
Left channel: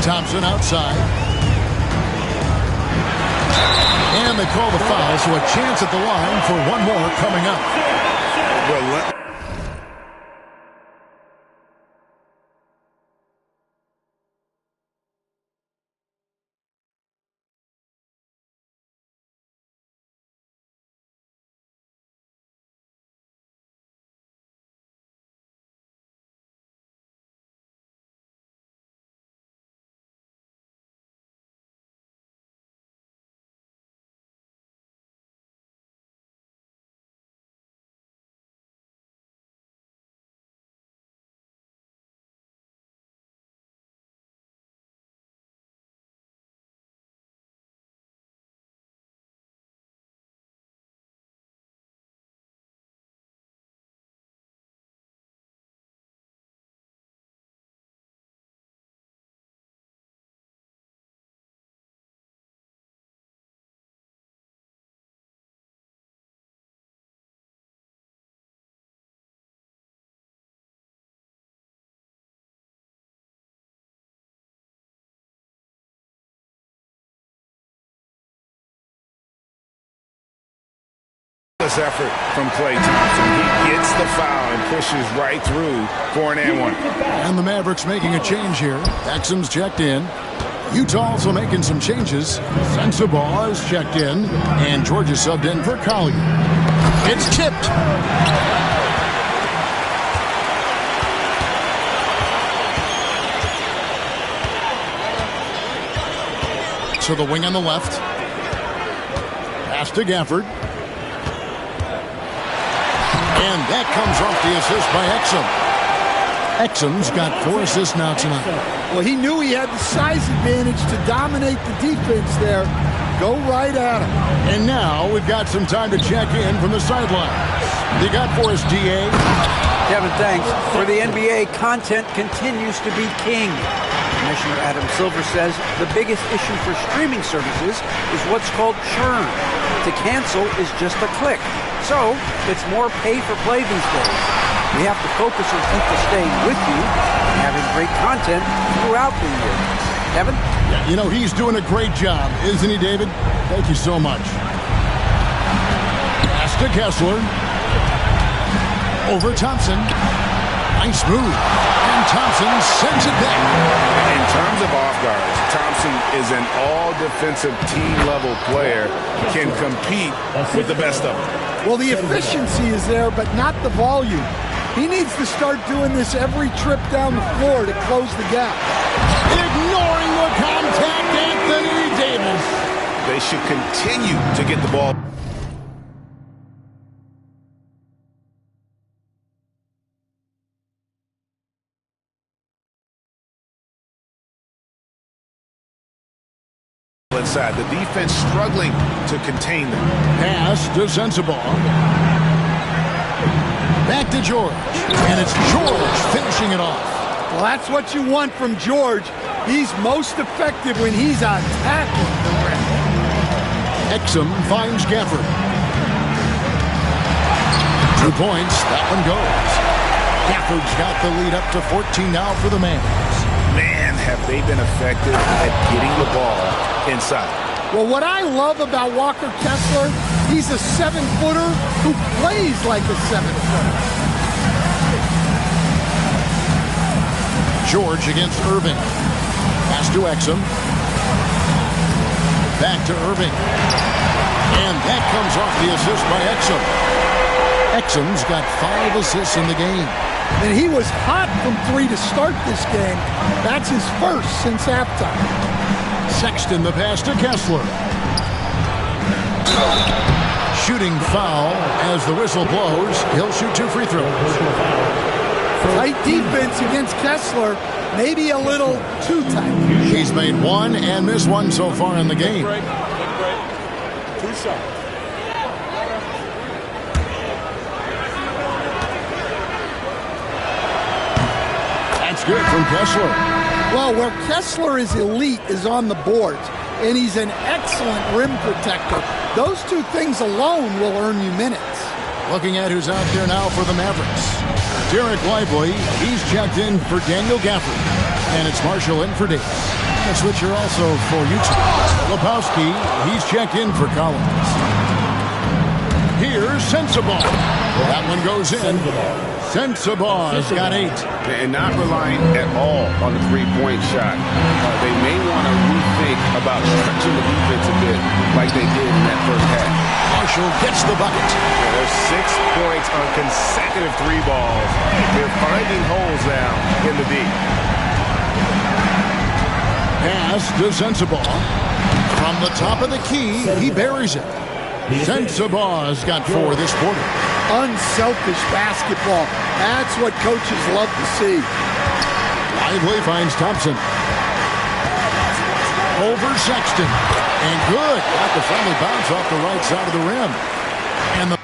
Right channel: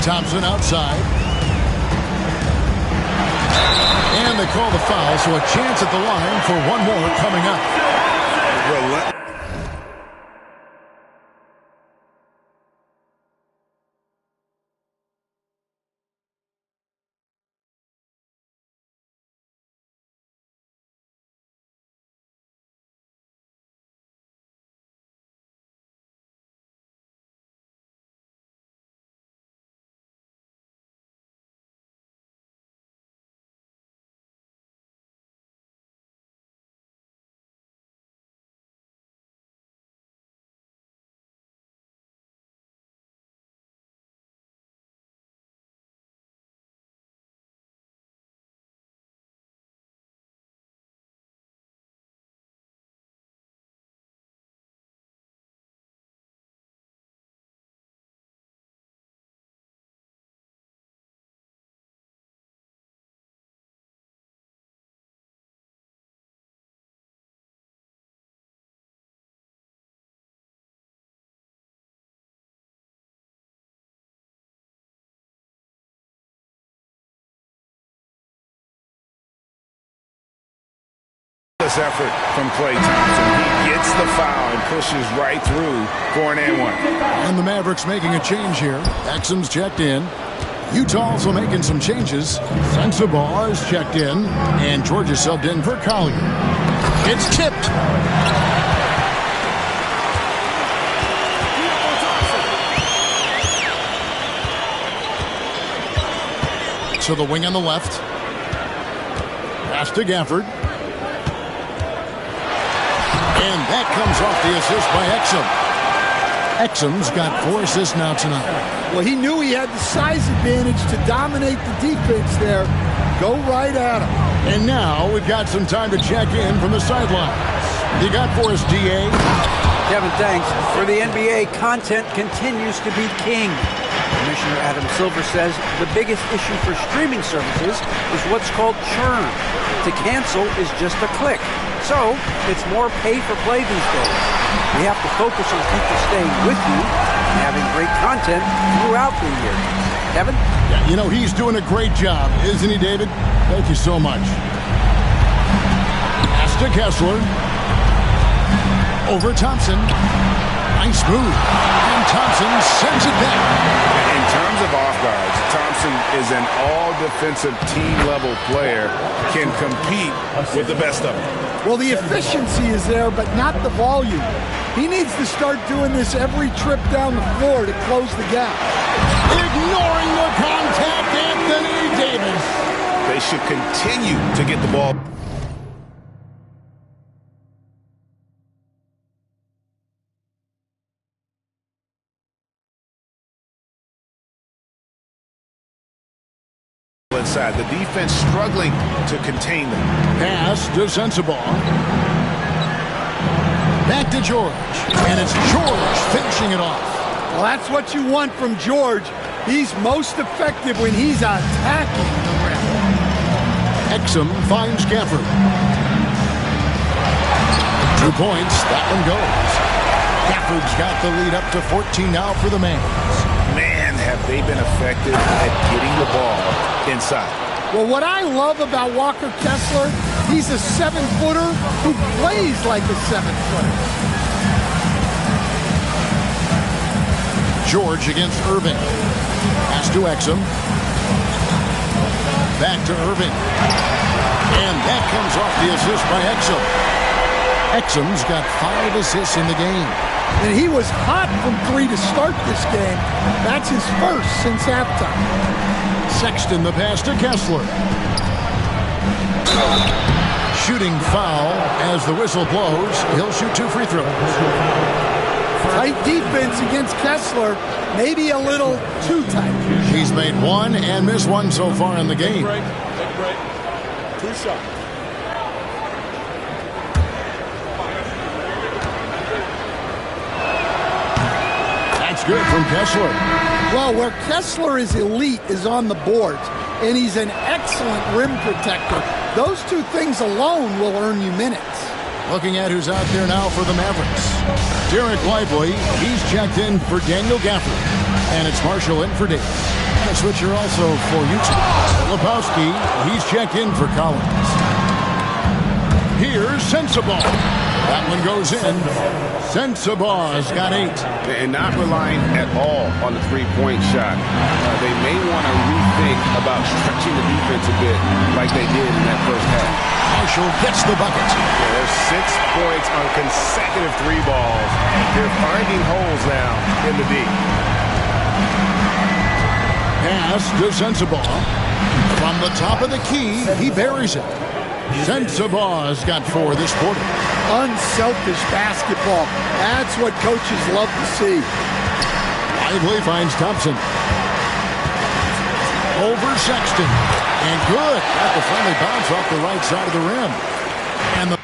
Thompson outside. And they call the foul, so a chance at the line for one more coming up. Effort from Klay Thompson. He gets the foul and pushes right through for an and one. And the Mavericks making a change here. Exum's checked in. Utah also making some changes. Sensabaugh is checked in. And Georgia subbed in for Collier. It's tipped. To the wing on the left. Pass to Gafford. And that comes off the assist by Exum. Exum's got 4 assists now tonight. Well, he knew he had the size advantage to dominate the defense there. Go right at him. And now we've got some time to check in from the sidelines. You got for us, DA? Kevin, thanks. For the NBA, content continues to be king. Commissioner Adam Silver says the biggest issue for streaming services is what's called churn. To cancel is just a click. So, it's more pay-for-play these days. We have to focus on people staying with you and having great content throughout the year. Kevin? Yeah, you know, he's doing a great job, isn't he, David? Thank you so much. Pass to Kessler. Over Thompson. Nice move. And Thompson sends it back. In terms of off guards, Thompson is an all-defensive team-level player, can compete with the best of them. Well, the efficiency is there, but not the volume. He needs to start doing this every trip down the floor to close the gap. Ignoring the contact, Anthony Davis. They should continue to get the ball. Inside, the defense struggling to contain them. Pass to Sensabaugh. Back to George. And it's George finishing it off. Well, that's what you want from George. He's most effective when he's attacking the rim. Exum finds Gafford. 2 points. That one goes. Gafford's got the lead up to 14 now for the Mavs. Man, have they been effective at getting the ball inside. Well, what I love about Walker Kessler, he's a 7-footer who plays like a 7-footer. George against Irving. Pass to Exum. Back to Irving. And that comes off the assist by Exum. Exum's got 5 assists in the game. And he was hot from 3 to start this game. That's his first since halftime. Sexton the pass to Kessler. Shooting foul as the whistle blows. He'll shoot 2 free throws. Tight defense against Kessler. Maybe a little too tight. He's made 1 and missed 1 so far in the game. Take a break. 2 shots. That's good from Kessler. Well, where Kessler is elite is on the boards, and he's an excellent rim protector. Those two things alone will earn you minutes. Looking at who's out there now for the Mavericks. Derek Lively, he's checked in for Daniel Gafford. And it's Marshall in for Davis. A switcher also for Utah. Lepowski, he's checked in for Collins. Here's Sensabaugh. That one goes in. Sensabaugh's got 8. And not relying at all on the three-point shot. They may want to rethink about stretching the defense a bit like they did in that first half. Marshall gets the bucket. Yeah, there's 6 points on consecutive 3 balls. They're finding holes now in the D. Pass to Sensabaugh. From the top of the key, he buries it. Sensabaugh's got 4 this quarter. Unselfish basketball. That's what coaches love to see. Lively finds Thompson. Over Sexton. And good. Got the friendly bounce off the right side of the rim. And the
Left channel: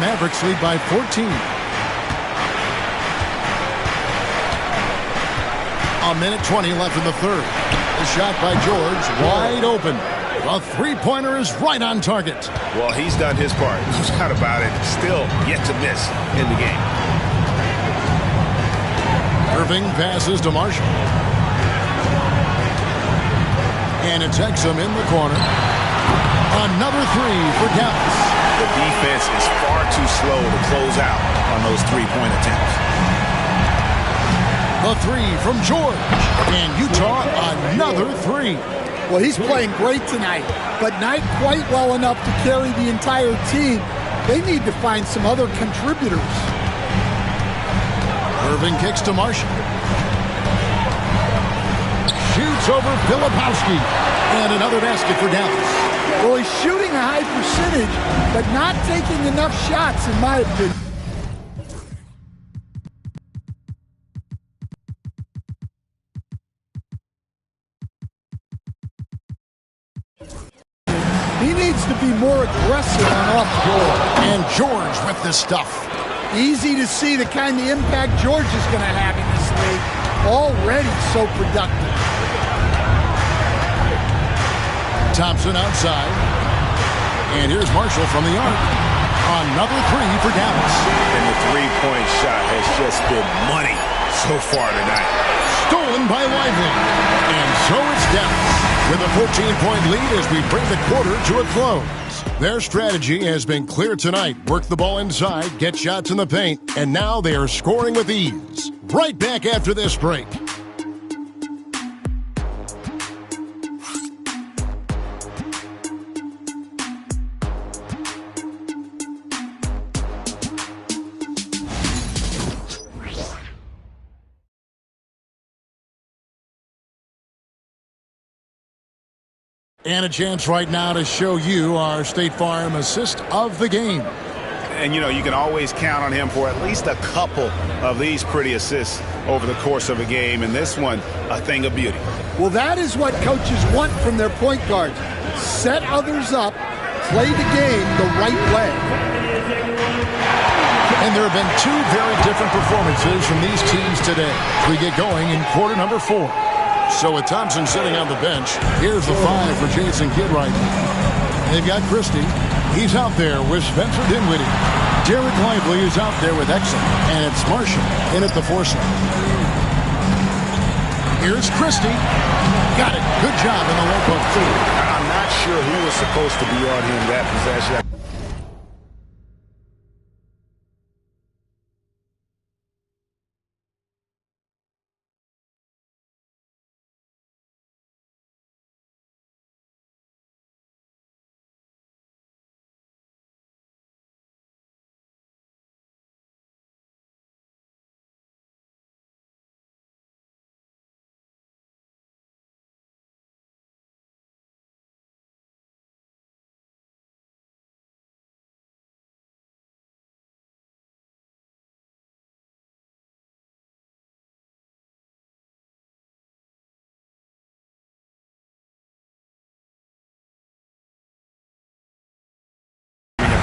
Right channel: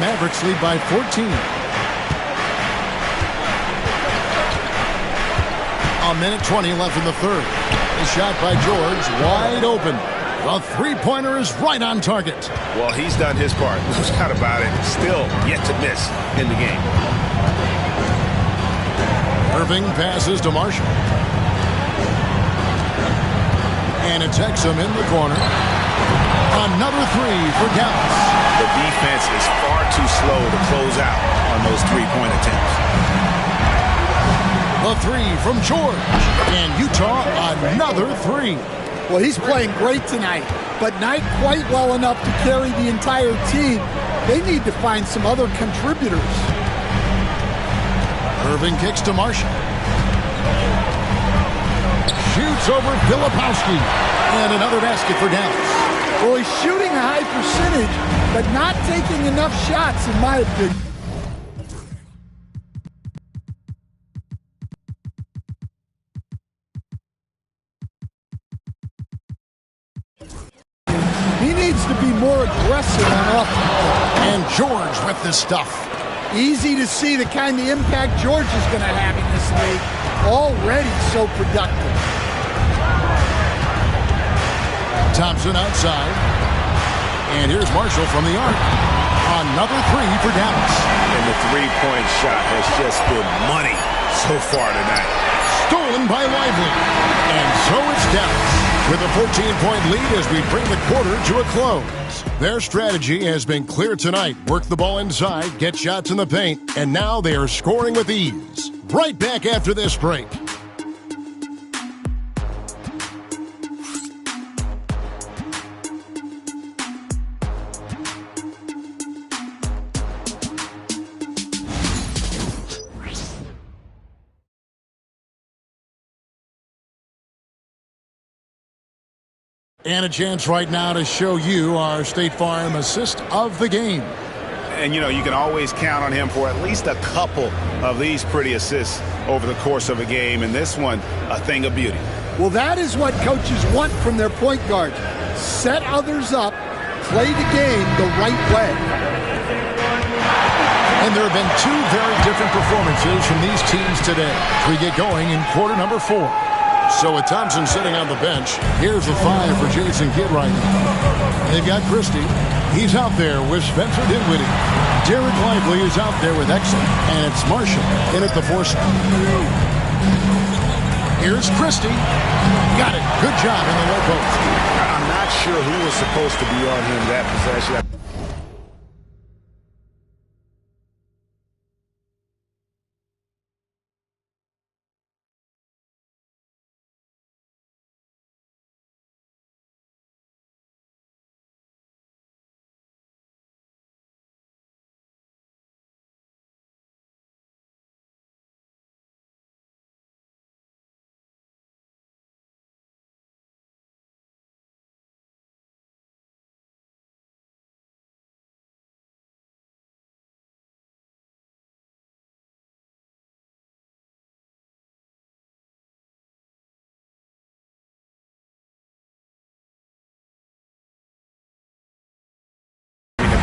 Mavericks lead by 14. A minute 20 left in the third. The shot by George, wide open. The three-pointer is right on target. Well, he's done his part. No doubt about it. Still yet to miss in the game. Irving passes to Marshall. And it's Exum in the corner. Another 3 for Dallas. The defense is far too slow to close out on those three-point attempts. The 3 from George. And Utah, another 3. Well, he's playing great tonight, but not quite well enough to carry the entire team. They need to find some other contributors. Irving kicks to Marshall. Shoots over Filipowski. And another basket for Dallas. Well, he's shooting a high percentage, but not taking enough shots, in my opinion. He needs to be more aggressive on offense. And George with the stuff. Easy to see the kind of impact George is going to have in this league. Already so productive. Thompson outside. And here's Marshall from the arc. Another 3 for Dallas. And the three-point shot has just been money so far tonight. Stolen by Lively. And so it's Dallas with a 14-point lead as we bring the quarter to a close. Their strategy has been clear tonight. Work the ball inside, get shots in the paint, and now they are scoring with ease. Right back after this break. And a chance right now to show you our State Farm assist of the game. And, you know, you can always count on him for at least a couple of these pretty assists over the course of a game. And this one, a thing of beauty. Well, that is what coaches want from their point guards. Set others up, play the game the right way. And there have been 2 very different performances from these teams today as we get going in quarter number 4. So with Thompson sitting on the bench, here's the 5 for Jason Kidd right now. They've got Christie. He's out there with Spencer Dinwiddie. Derek Lively is out there with Exum. And it's Marshall in at the 4 spot. Here's Christie. Got it. Good job in the low post. I'm not sure who was supposed to be on him that possession.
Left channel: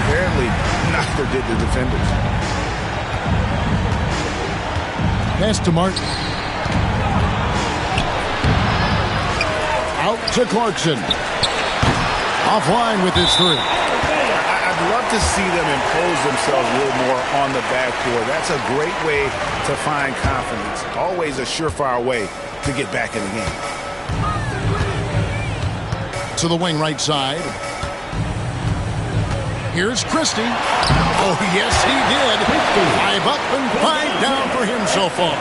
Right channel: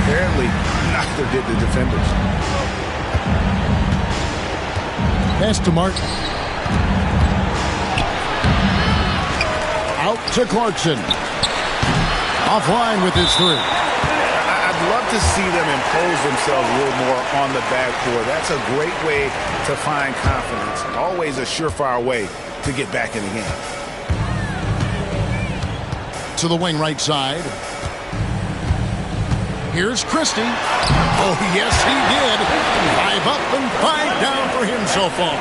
Apparently, neither did the defenders. Pass to Martin. Out to Clarkson. Offline with his three. I'd love to see them impose themselves a little more on the backboard. That's a great way to find confidence. Always a surefire way to get back in the game. To the wing right side. Here's Christie. Oh, yes, he did. 5 up and 5 down for him so far.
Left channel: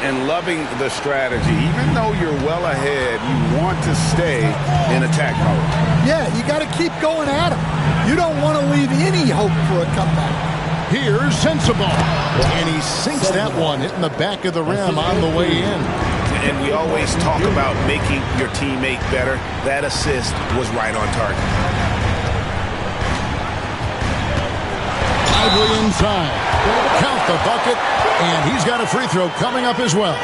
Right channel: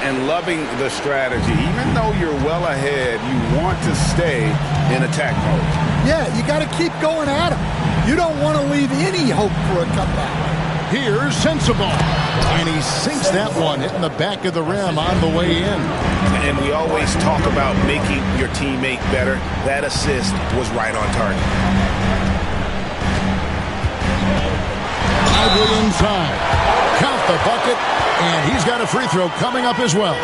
And loving the strategy. Even though you're well ahead, you want to stay in attack mode. Yeah, you got to keep going at him. You don't want to leave any hope for a comeback. Here's Sensabaugh. And he sinks that one, hitting the back of the rim on the way in. And we always talk about making your teammate better. That assist was right on target. Lively inside. Count the bucket, and he's got a free throw coming up as well.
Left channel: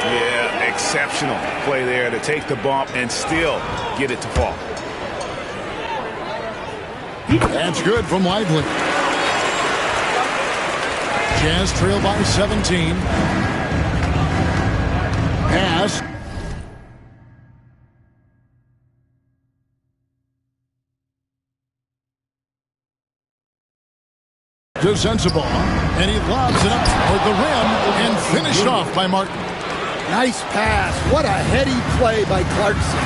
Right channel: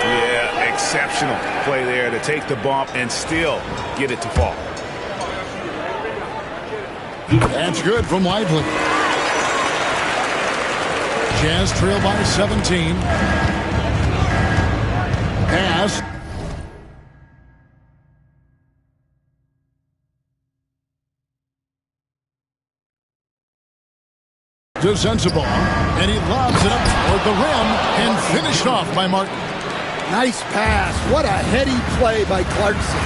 Yeah, exceptional play there to take the bump and still get it to fall. That's good from Lively. Jazz trail by 17. Pass. To Sensabaugh, and he lobs it up toward the rim and finished off by Martin. Nice pass. What a heady play by Clarkson.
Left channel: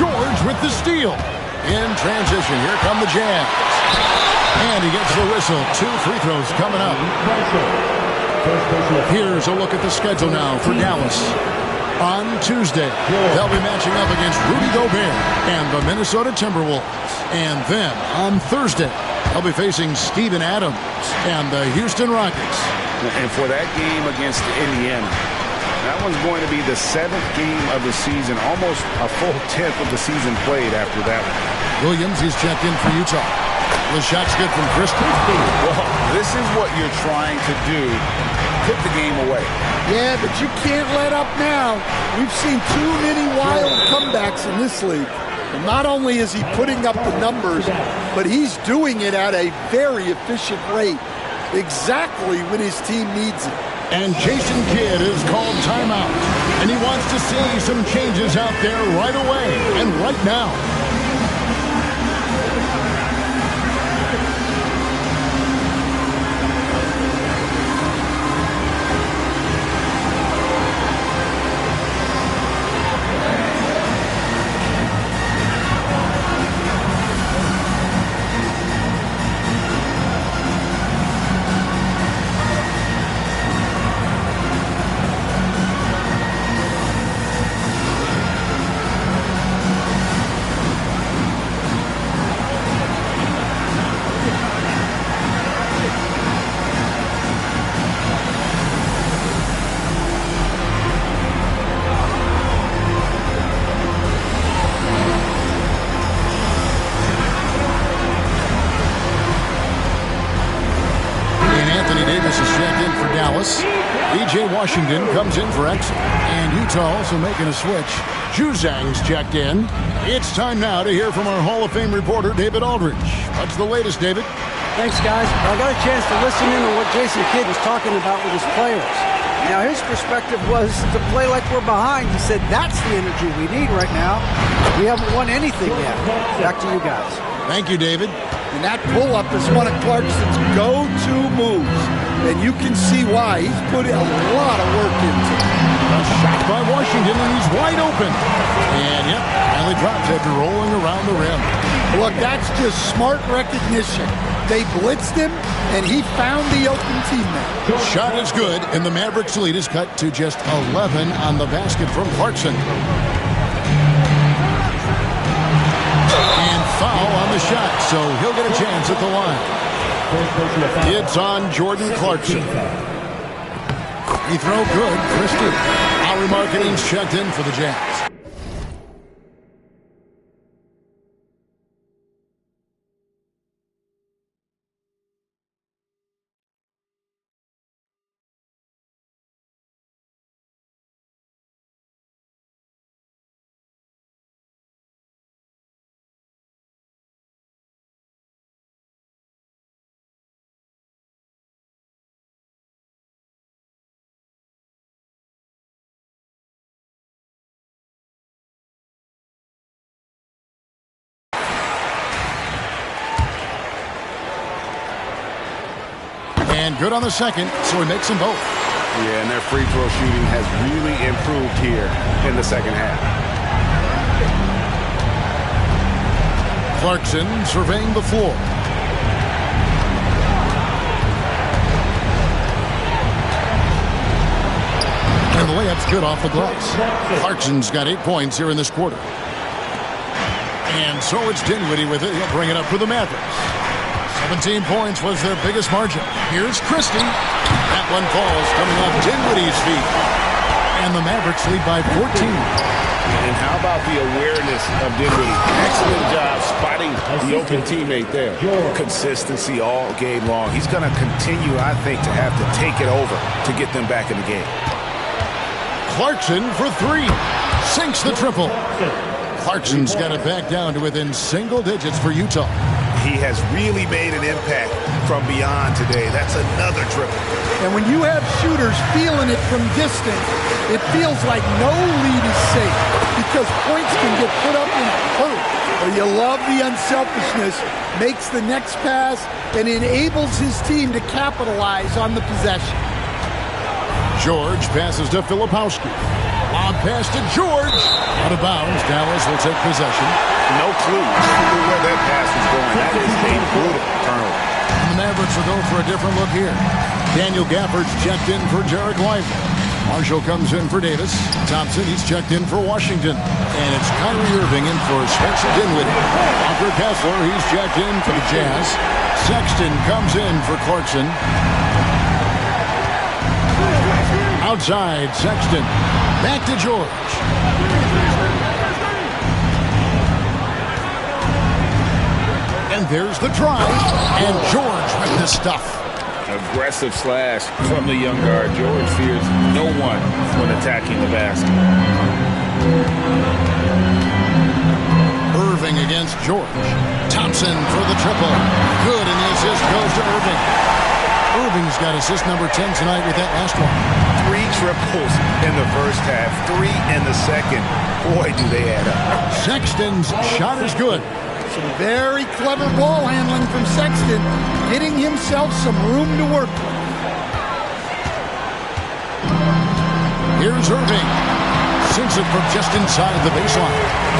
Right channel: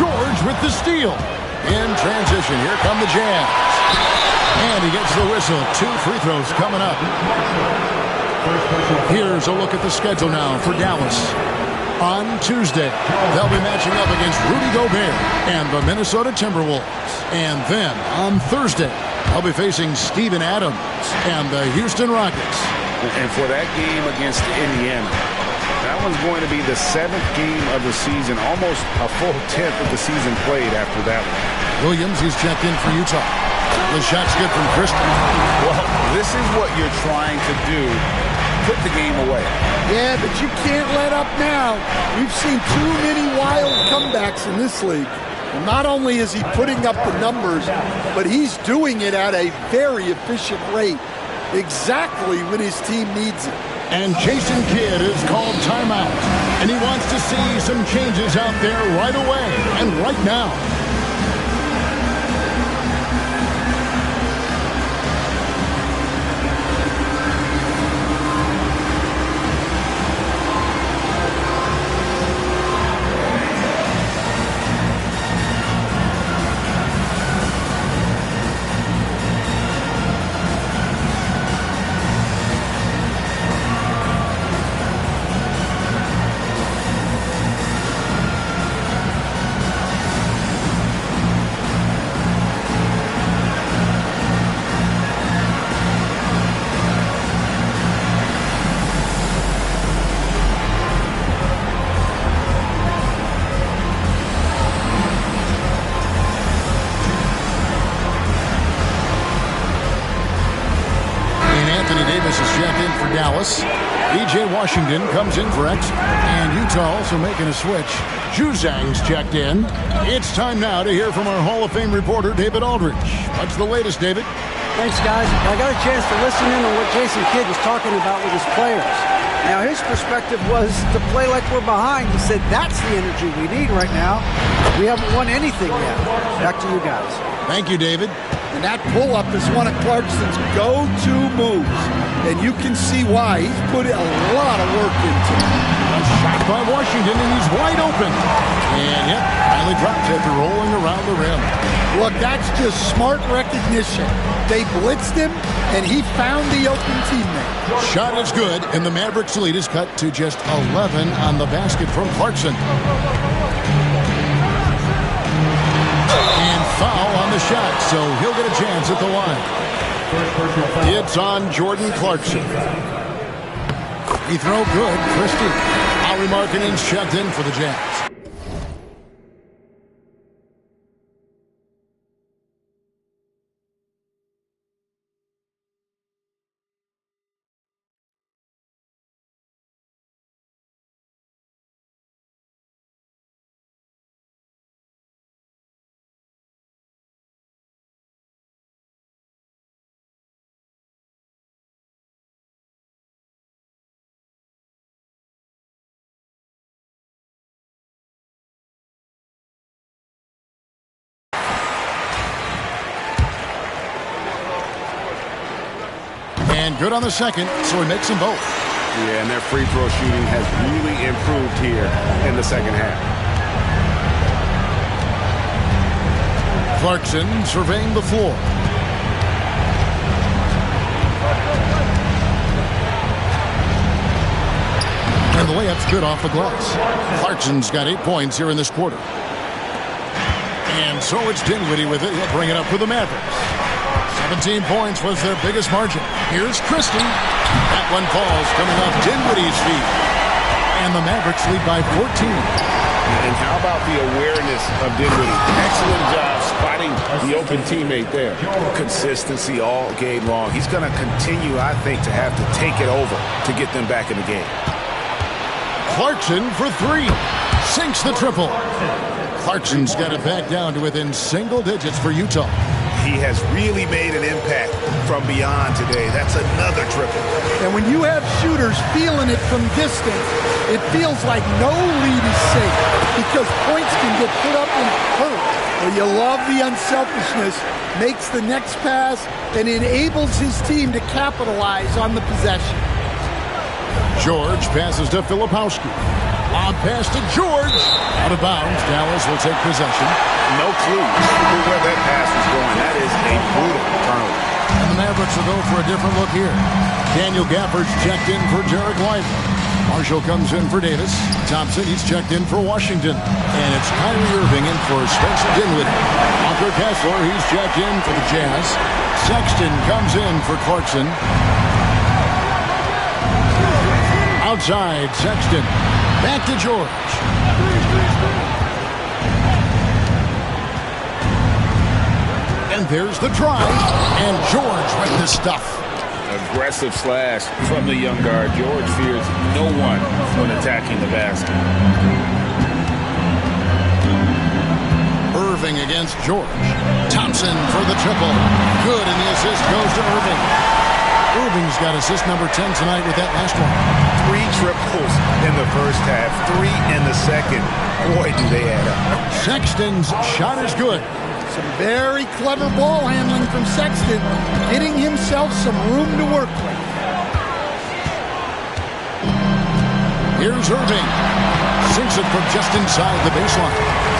George with the steal. In transition, here come the Jazz. And he gets the whistle. 2 free throws coming up. Here's a look at the schedule now for Dallas. On Tuesday, they'll be matching up against Rudy Gobert and the Minnesota Timberwolves. And then on Thursday, they'll be facing Steven Adams and the Houston Rockets. And for that game against Indiana, that one's going to be the 7th game of the season, almost a full 10th of the season played after that one. Williams, he's checked in for Utah. The shot's good from Christie. Well, this is what you're trying to do. Put the game away. Yeah, but you can't let up now. We've seen too many wild comebacks in this league. And not only is he putting up the numbers, but he's doing it at a very efficient rate. Exactly when his team needs it. And Jason Kidd has called timeout. And he wants to see some changes out there right away and right now. In for Dallas. E.J. Washington comes in for X. And Utah also making a switch. Juzang's checked in. It's time now to hear from our Hall of Fame reporter, David Aldridge. What's the latest, David? Thanks, guys. I got a chance to listen in on what Jason Kidd was talking about with his players. Now, his perspective was to play like we're behind. He said that's the energy we need right now. We haven't won anything yet. Back to you guys. Thank you, David. And that pull-up is one of Clarkson's go-to moves. and you can see why. He's put a lot of work into it. A shot by Washington, and he's wide open. And, yep, finally drops after rolling around the rim. Look, that's just smart recognition. They blitzed him, and he found the open teammate. Shot is good, and the Mavericks' lead is cut to just 11 on the basket from Clarkson. And foul on the shot, so he'll get a chance at the line. It's on Jordan Clarkson. Free throw good, Christie. Lowry Markkanen's checked in for the Jazz. And good on the second, so he makes them both. Yeah, and their free throw shooting has really improved here in the second half. Clarkson surveying the floor. And the layup's good off the glass. Clarkson's got 8 points here in this quarter. And so it's Dinwiddie with it. He'll bring it up for the Mavericks. 17 points was their biggest margin. Here's Christie. That one falls coming off Dinwiddie's feet. And the Mavericks lead by 14. And how about the awareness of Dinwiddie? Excellent job spotting the open teammate there. Consistency all game long. He's going to continue, I think, to have to take it over to get them back in the game. Clarkson for three. Sinks the triple. Clarkson's got it back down to within single digits for Utah. He has really made an impact from beyond today. That's another triple. And when you have shooters feeling it from distance, it feels like no lead is safe because points can get put up in a hurt. Well, you love the unselfishness, makes the next pass, and enables his team to capitalize on the possession. George passes to Filipowski. Lob pass to George. Out of bounds. Dallas will take possession. No clue where that pass was going. That is a brutal turnover. And the Mavericks will go for a different look here. Daniel Gafford's checked in for Derek Lively. Marshall comes in for Davis. Thompson, he's checked in for Washington. And it's Kyrie Irving in for Spencer Dinwiddie. Walker Kessler, he's checked in for the Jazz. Sexton comes in for Clarkson. Outside, Sexton. Back to George. And there's the drive. And George with the stuff. Aggressive slash from the young guard. George fears no one when attacking the basket. Irving against George. Thompson for the triple. Good, and the assist goes to Irving. Irving's got assist number 10 tonight with that last one. 3 triples in the first half, 3 in the second. Boy, do they add up. Sexton's shot is good. Some very clever ball handling from Sexton, getting himself some room to work with. Here's Irving. Sinks it from just inside the baseline.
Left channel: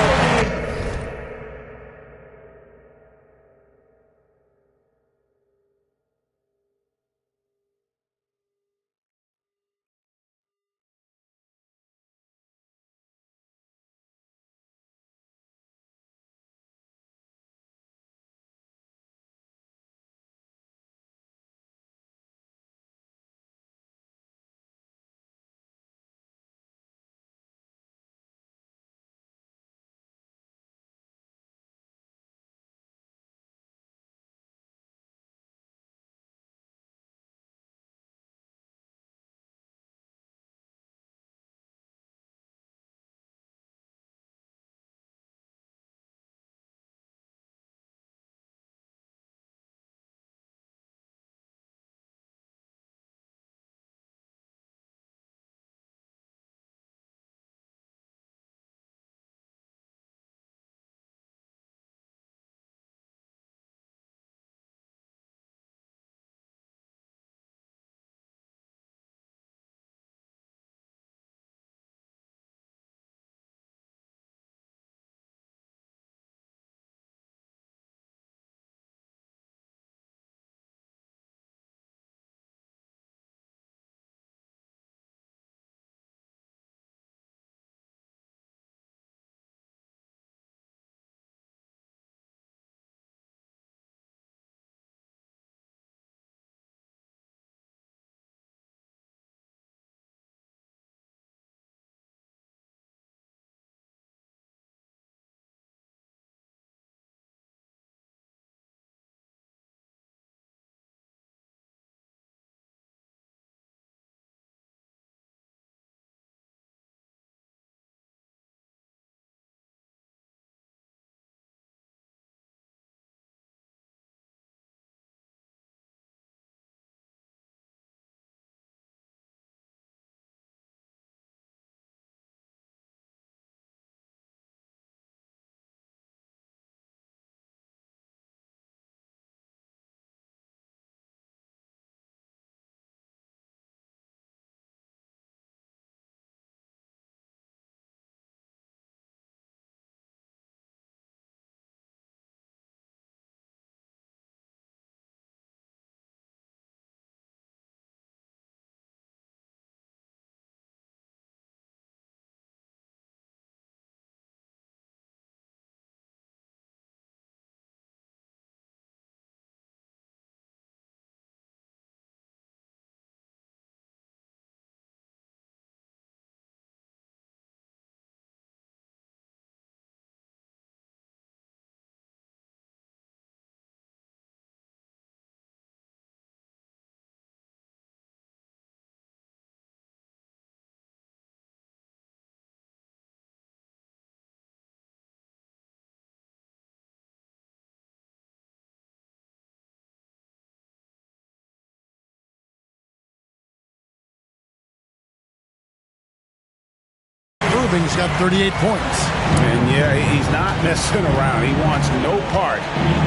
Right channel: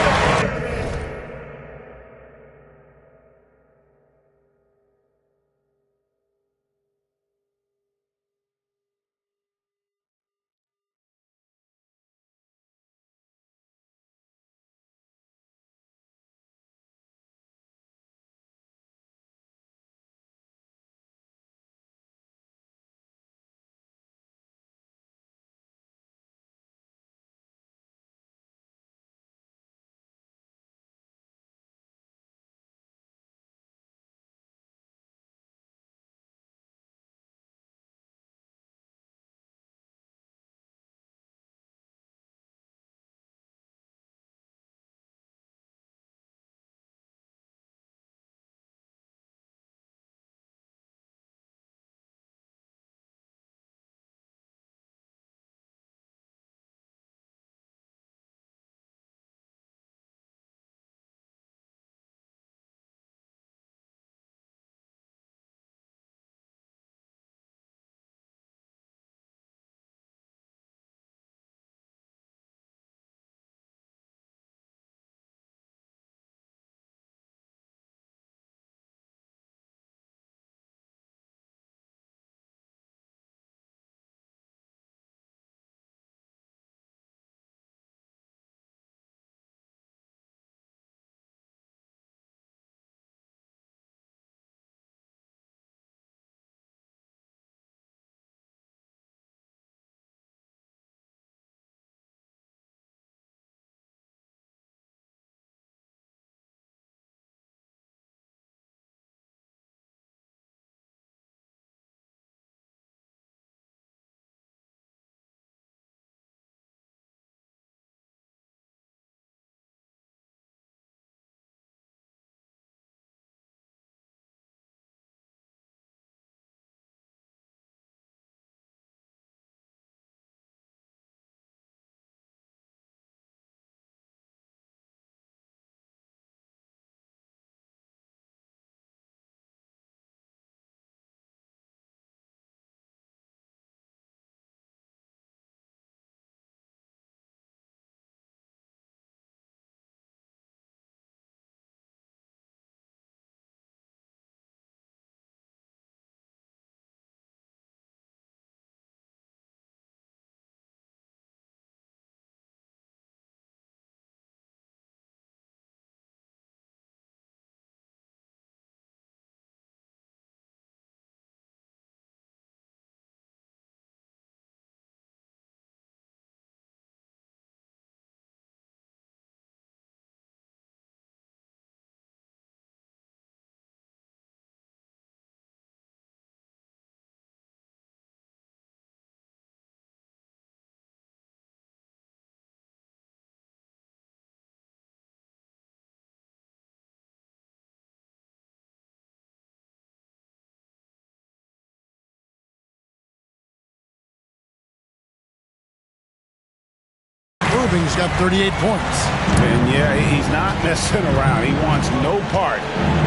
Irving's got 38 points. And yeah, he's not messing around. He wants no part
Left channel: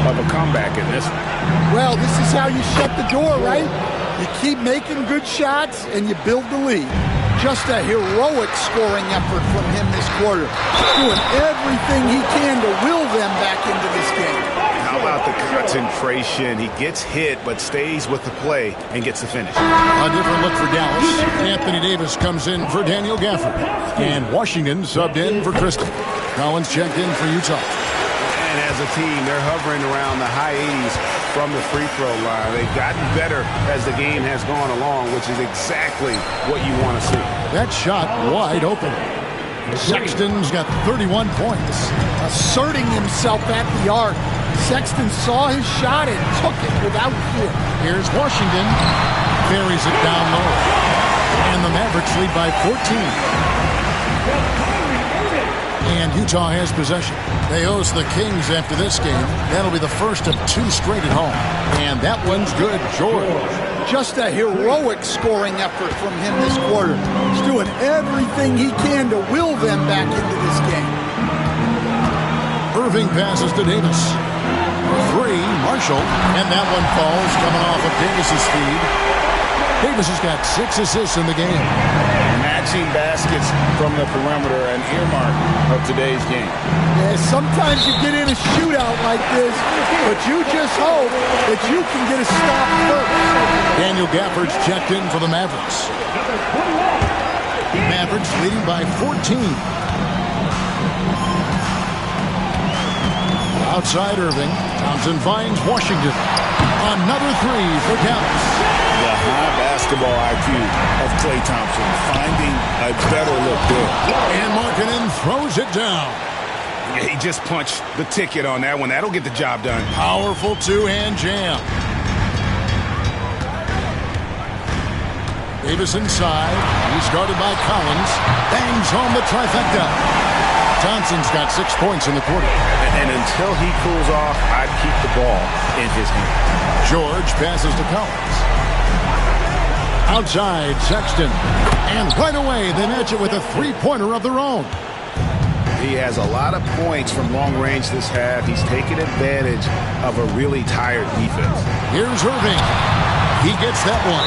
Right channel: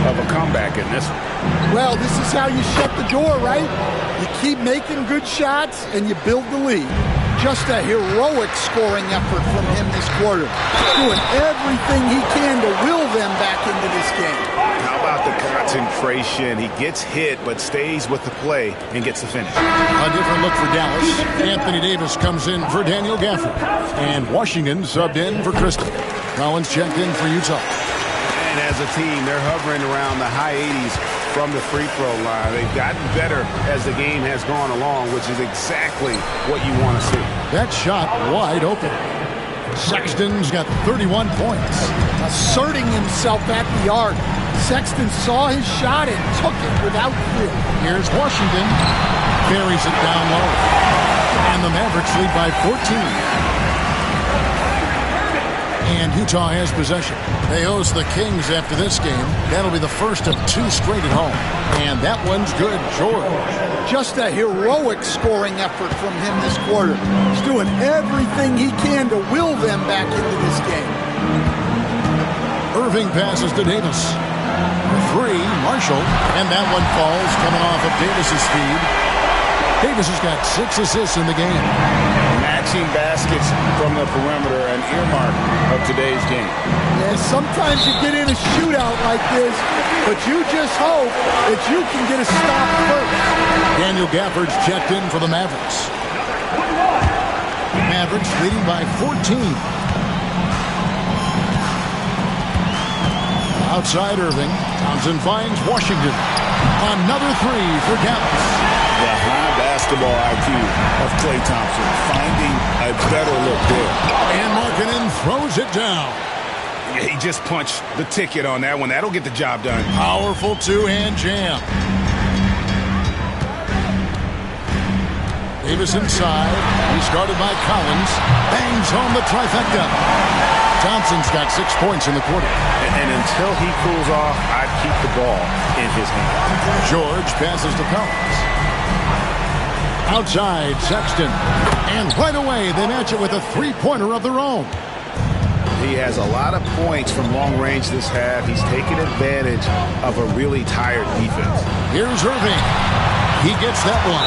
of a comeback in this one. Well, this is how you shut the door, right? You keep making good shots and you build the lead. Just a heroic scoring effort from him this quarter. Doing everything he can to will them back into this game. How about the concentration? He gets hit but stays with the play and gets the finish. A different look for Dallas. Anthony Davis comes in for Daniel Gafford. And Washington subbed in for Kristen. Collins checked in for Utah. And as a team, they're hovering around the high 80s from the free throw line. They've gotten better as the game has gone along, which is exactly what you want to see. That shot wide open. Sexton's got 31 points. Asserting himself at the arc. Sexton saw his shot and took it without fear. Here's Washington. Buries it down low. And the Mavericks lead by 14. And Utah has possession. They host the Kings after this game. That'll be the first of 2 straight at home. And that one's good. George. Just a heroic scoring effort from him this quarter. He's doing everything he can to will them back into this game. Irving passes to Davis. For 3, Marshall. And that one falls coming off of Davis's feed. Davis has got 6 assists in the game. Matching baskets from the perimeter, an earmark of today's game. Yeah, sometimes you get in a shootout like this, but you just hope that you can get a stop first. Daniel Gafford's checked in for the Mavericks. Mavericks leading by 14. Outside Irving. Thompson finds Washington. Another 3 for Dallas. The high basketball IQ of Klay Thompson, finding a better look there. And Markkanen throws it down. Yeah, he just punched the ticket on that one. That'll get the job done. Powerful 2-hand jam. Davis inside. He's guarded by Collins. Bangs home the trifecta. Thompson's got 6 points in the quarter. And until he cools off, I'd keep the ball in his hand. George passes to Collins. Outside, Sexton. And right away, they match it with a 3-pointer of their own. He has a lot of points from long range this half. He's taken advantage of a really tired defense. Here's Irving. He gets that one.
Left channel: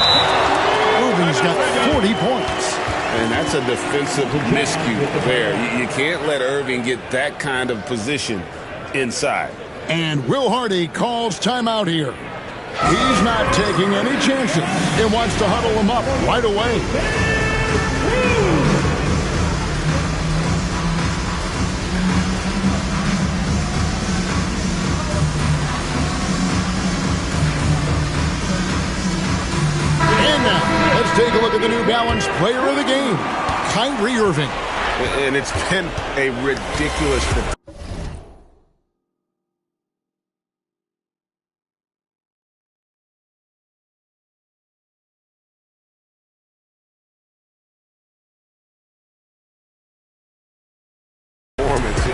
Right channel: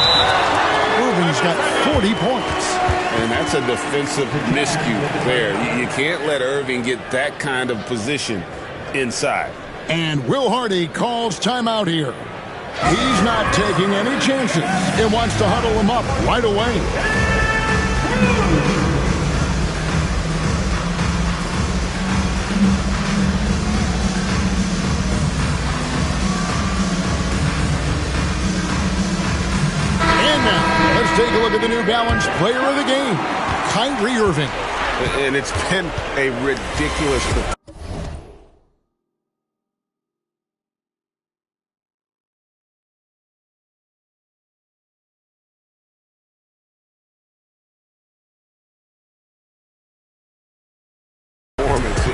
Irving's got 40 points. And that's a defensive miscue there. You can't let Irving get that kind of position inside. And Will Hardy calls timeout here. He's not taking any chances. He wants to huddle him up right away. And now, let's take a look at the New Balance player of the game, Kyrie Irving. And it's been a ridiculous performance.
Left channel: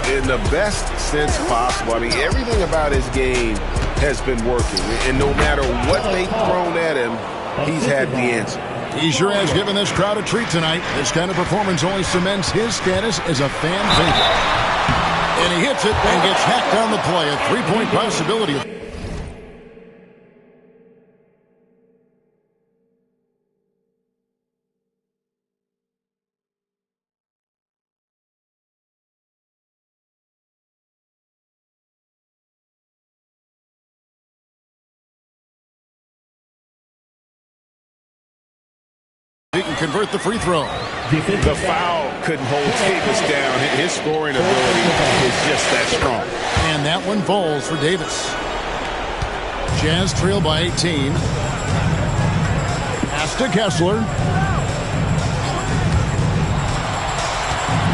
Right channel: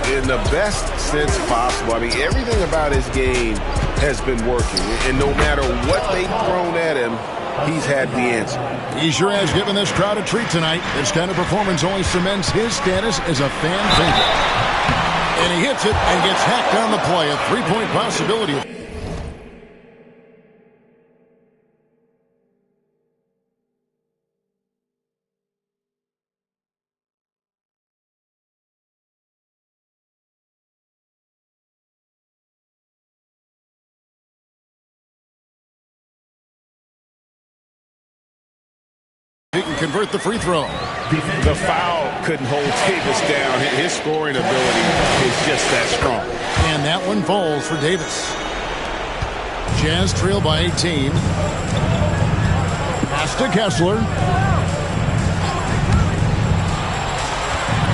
In the best sense possible. I mean, everything about his game has been working. And no matter what they've thrown at him, he's had the answer. He sure has given this crowd a treat tonight. This kind of performance only cements his status as a fan favorite. And he hits it and gets hacked on the play. A 3-point possibility. He can convert the free throw. The foul couldn't hold Davis down. His scoring ability is just that strong. And that one falls for Davis. Jazz trail by 18. Pass to Kessler.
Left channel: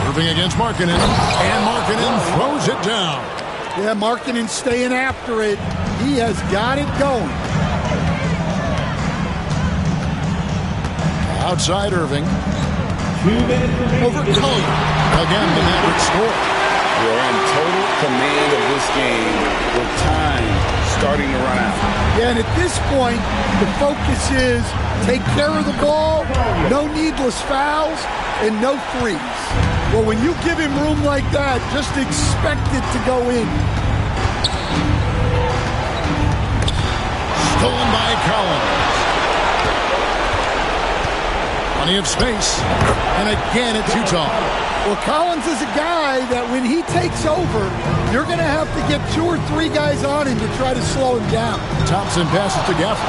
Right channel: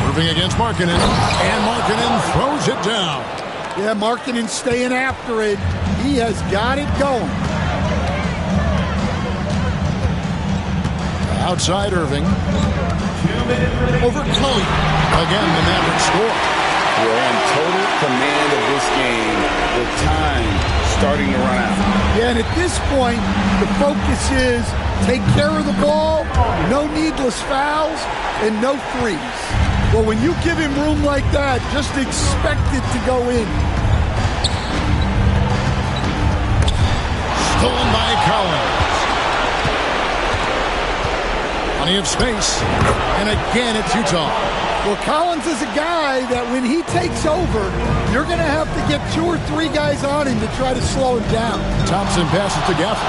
Irving against Markkanen. And Markkanen throws it down. Yeah, Markkanen staying after it. He has got it going. Outside Irving. Over Collier. Again, the Mavericks score. We're in total command of this game with time starting to run out. Yeah, and at this point, the focus is take care of the ball, no needless fouls, and no threes. Well, when you give him room like that, just expect it to go in. Stolen by Collins. Plenty of space. And again, it's Utah. Well, Collins is a guy that when he takes over, you're going to have to get 2 or 3 guys on him to try to slow him down. Thompson passes to Gafford.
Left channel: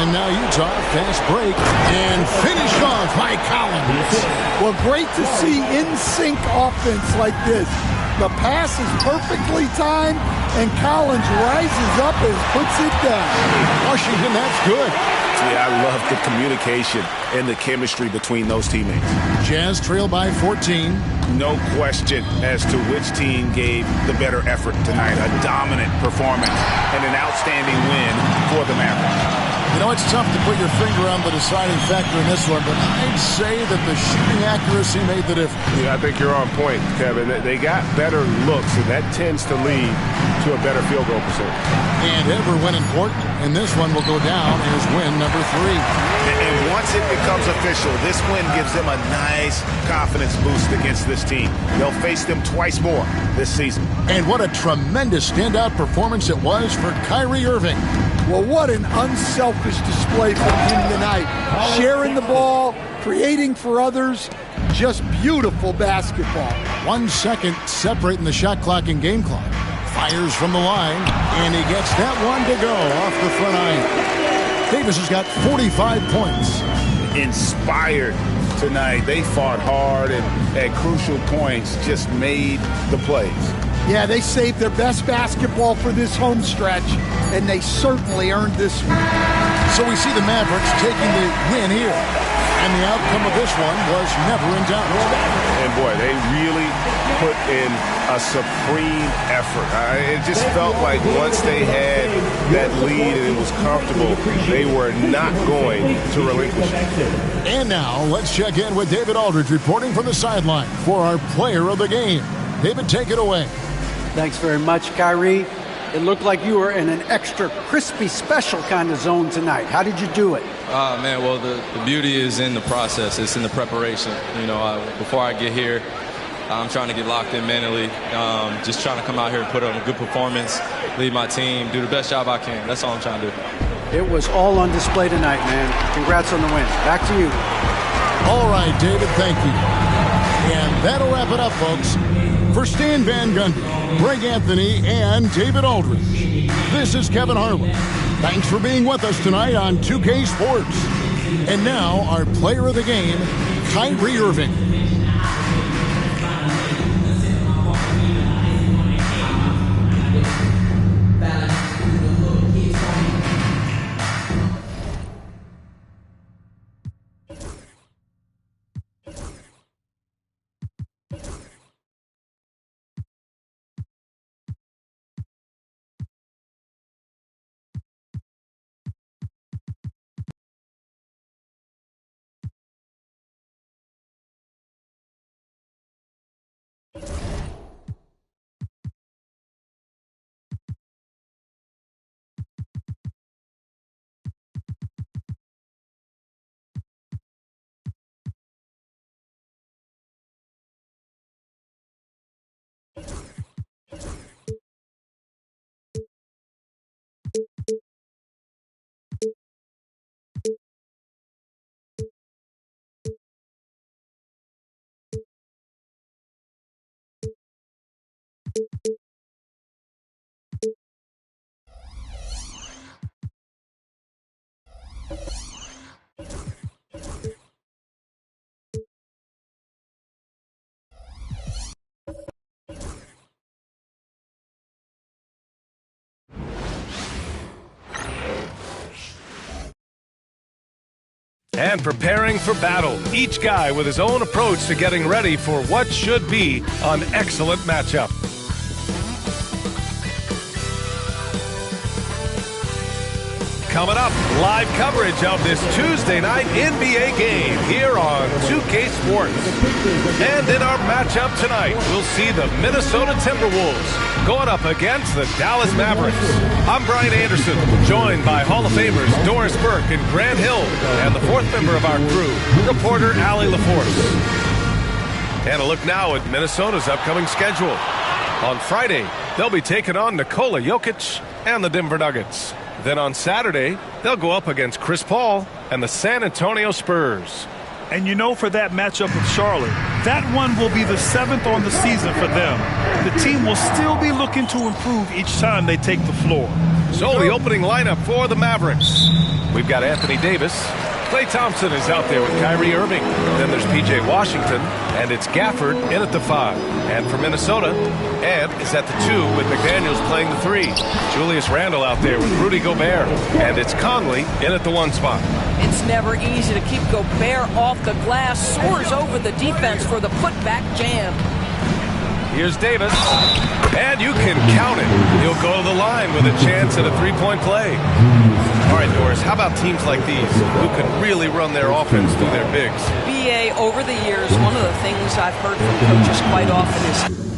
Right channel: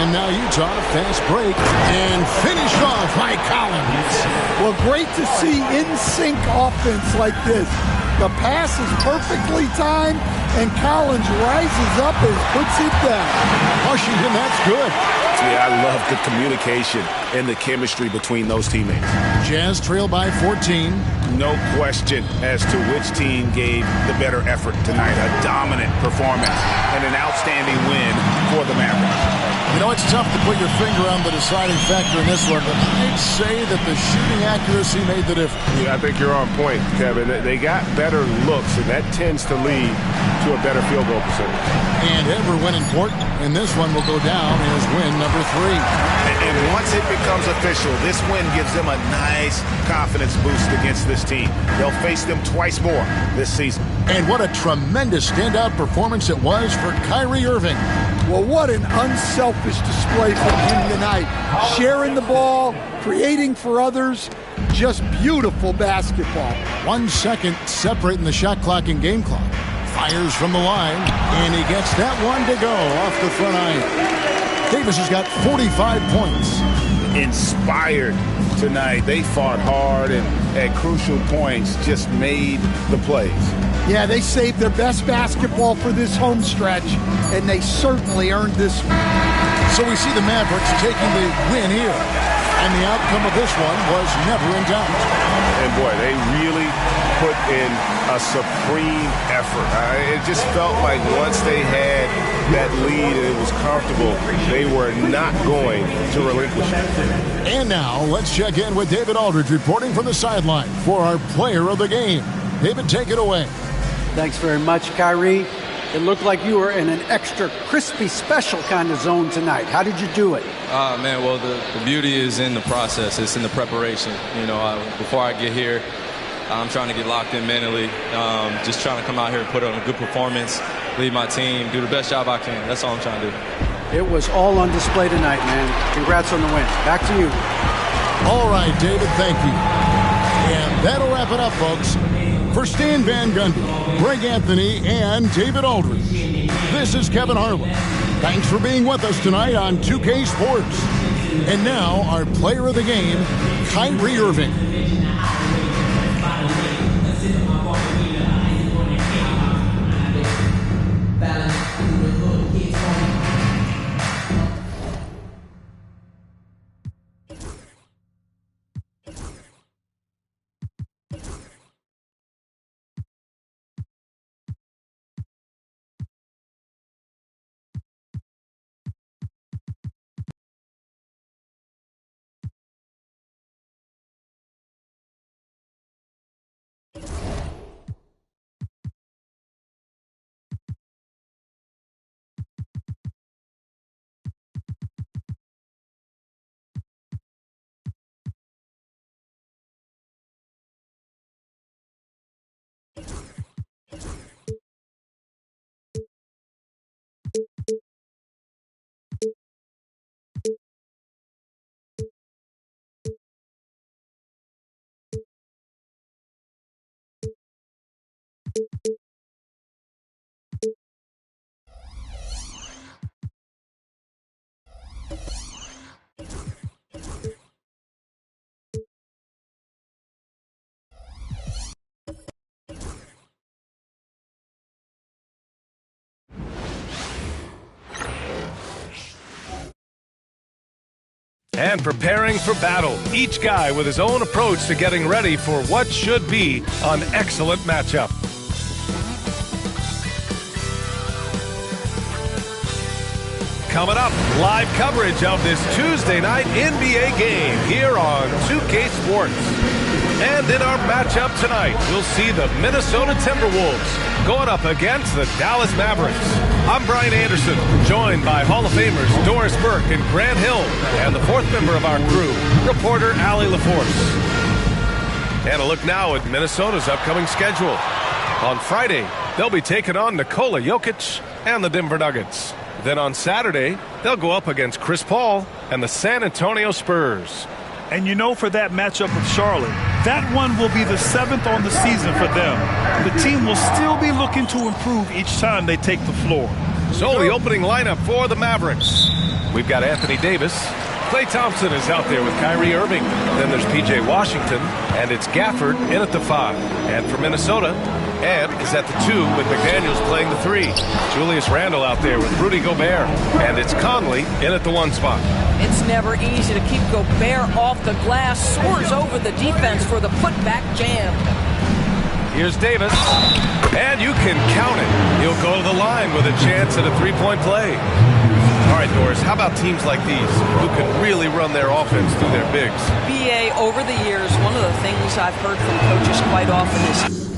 And now Utah, fast break, and finished off by Collins. Well, great to see in-sync offense like this. The pass is perfectly timed, and Collins rises up and puts it down. Washington, that's good. Yeah, I love the communication and the chemistry between those teammates. Jazz trail by 14. No question as to which team gave the better effort tonight. A dominant performance and an outstanding win for the Mavericks. You know, it's tough to put your finger on the deciding factor in this one, but I'd say that the shooting accuracy made the difference. Yeah, I think you're on point, Kevin. They got better looks, and that tends to lead to a better field goal percentage. And ever when important, and this one will go down as win number 3. And once it becomes official, this win gives them a nice confidence boost against this team. They'll face them twice more this season. And what a tremendous standout performance it was for Kyrie Irving. Well, what an unselfish display from him tonight. Sharing the ball, creating for others, just beautiful basketball. 1 second separating the shot clock and game clock. Fires from the line, and he gets that one to go off the front iron. Davis has got 45 points. Inspired tonight. They fought hard and at crucial points just made the plays. Yeah, they saved their best basketball for this home stretch, and they certainly earned this one. So we see the Mavericks taking the win here, and the outcome of this one was never in doubt. And boy, they really put in a supreme effort. It just felt like once they had that lead and it was comfortable, they were not going to relinquish it. And now let's check in with David Aldridge reporting from the sideline for our player of the game. David, take it away. Thanks very much, Kyrie. It looked like you were in an extra crispy special kind of zone tonight. How did you do it? Man, well, the beauty is in the process. It's in the preparation. You know, before I get here, I'm trying to get locked in mentally, just trying to come out here and put on a good performance, lead my team, do the best job I can. That's all I'm trying to do. It was all on display tonight, man. Congrats on the win. Back to you. All right, David, thank you. And that'll wrap it up, folks. For Stan Van Gundy, Greg Anthony, and David Aldridge, this is Kevin Harlan. Thanks for being with us tonight on 2K Sports. And now, our player of the game, Kyrie Irving. And preparing for battle, each guy with his own approach to getting ready for what should be an excellent matchup. Coming up, live coverage of this Tuesday night NBA game here on 2K Sports. And in our matchup tonight, we'll see the Minnesota Timberwolves going up against the Dallas Mavericks. I'm Brian Anderson, joined by Hall of Famers Doris Burke and Grant Hill, and the fourth member of our crew, reporter Allie LaForce. And a look now at Minnesota's upcoming schedule. On Friday, they'll be taking on Nikola Jokic and the Denver Nuggets. Then on Saturday, they'll go up against Chris Paul and the San Antonio Spurs. And you know, for that matchup with Charlotte, that one will be the 7th on the season for them. The team will still be looking to improve each time they take the floor. So the opening lineup for the Mavericks. We've got Anthony Davis. Klay Thompson is out there with Kyrie Irving. Then there's P.J. Washington, and it's Gafford in at the 5. And for Minnesota, Ed is at the 2 with McDaniels playing the 3. Julius Randle out there with Rudy Gobert. And it's Conley in at the 1 spot. It's never easy to keep Gobert off the glass. Soars over the defense for the putback jam. Here's Davis. And you can count it. He'll go to the line with a chance at a 3-point play. All right, Doris, how about teams like these who can really run their offense through their bigs? BA, over the years, one of the things I've heard from coaches quite often is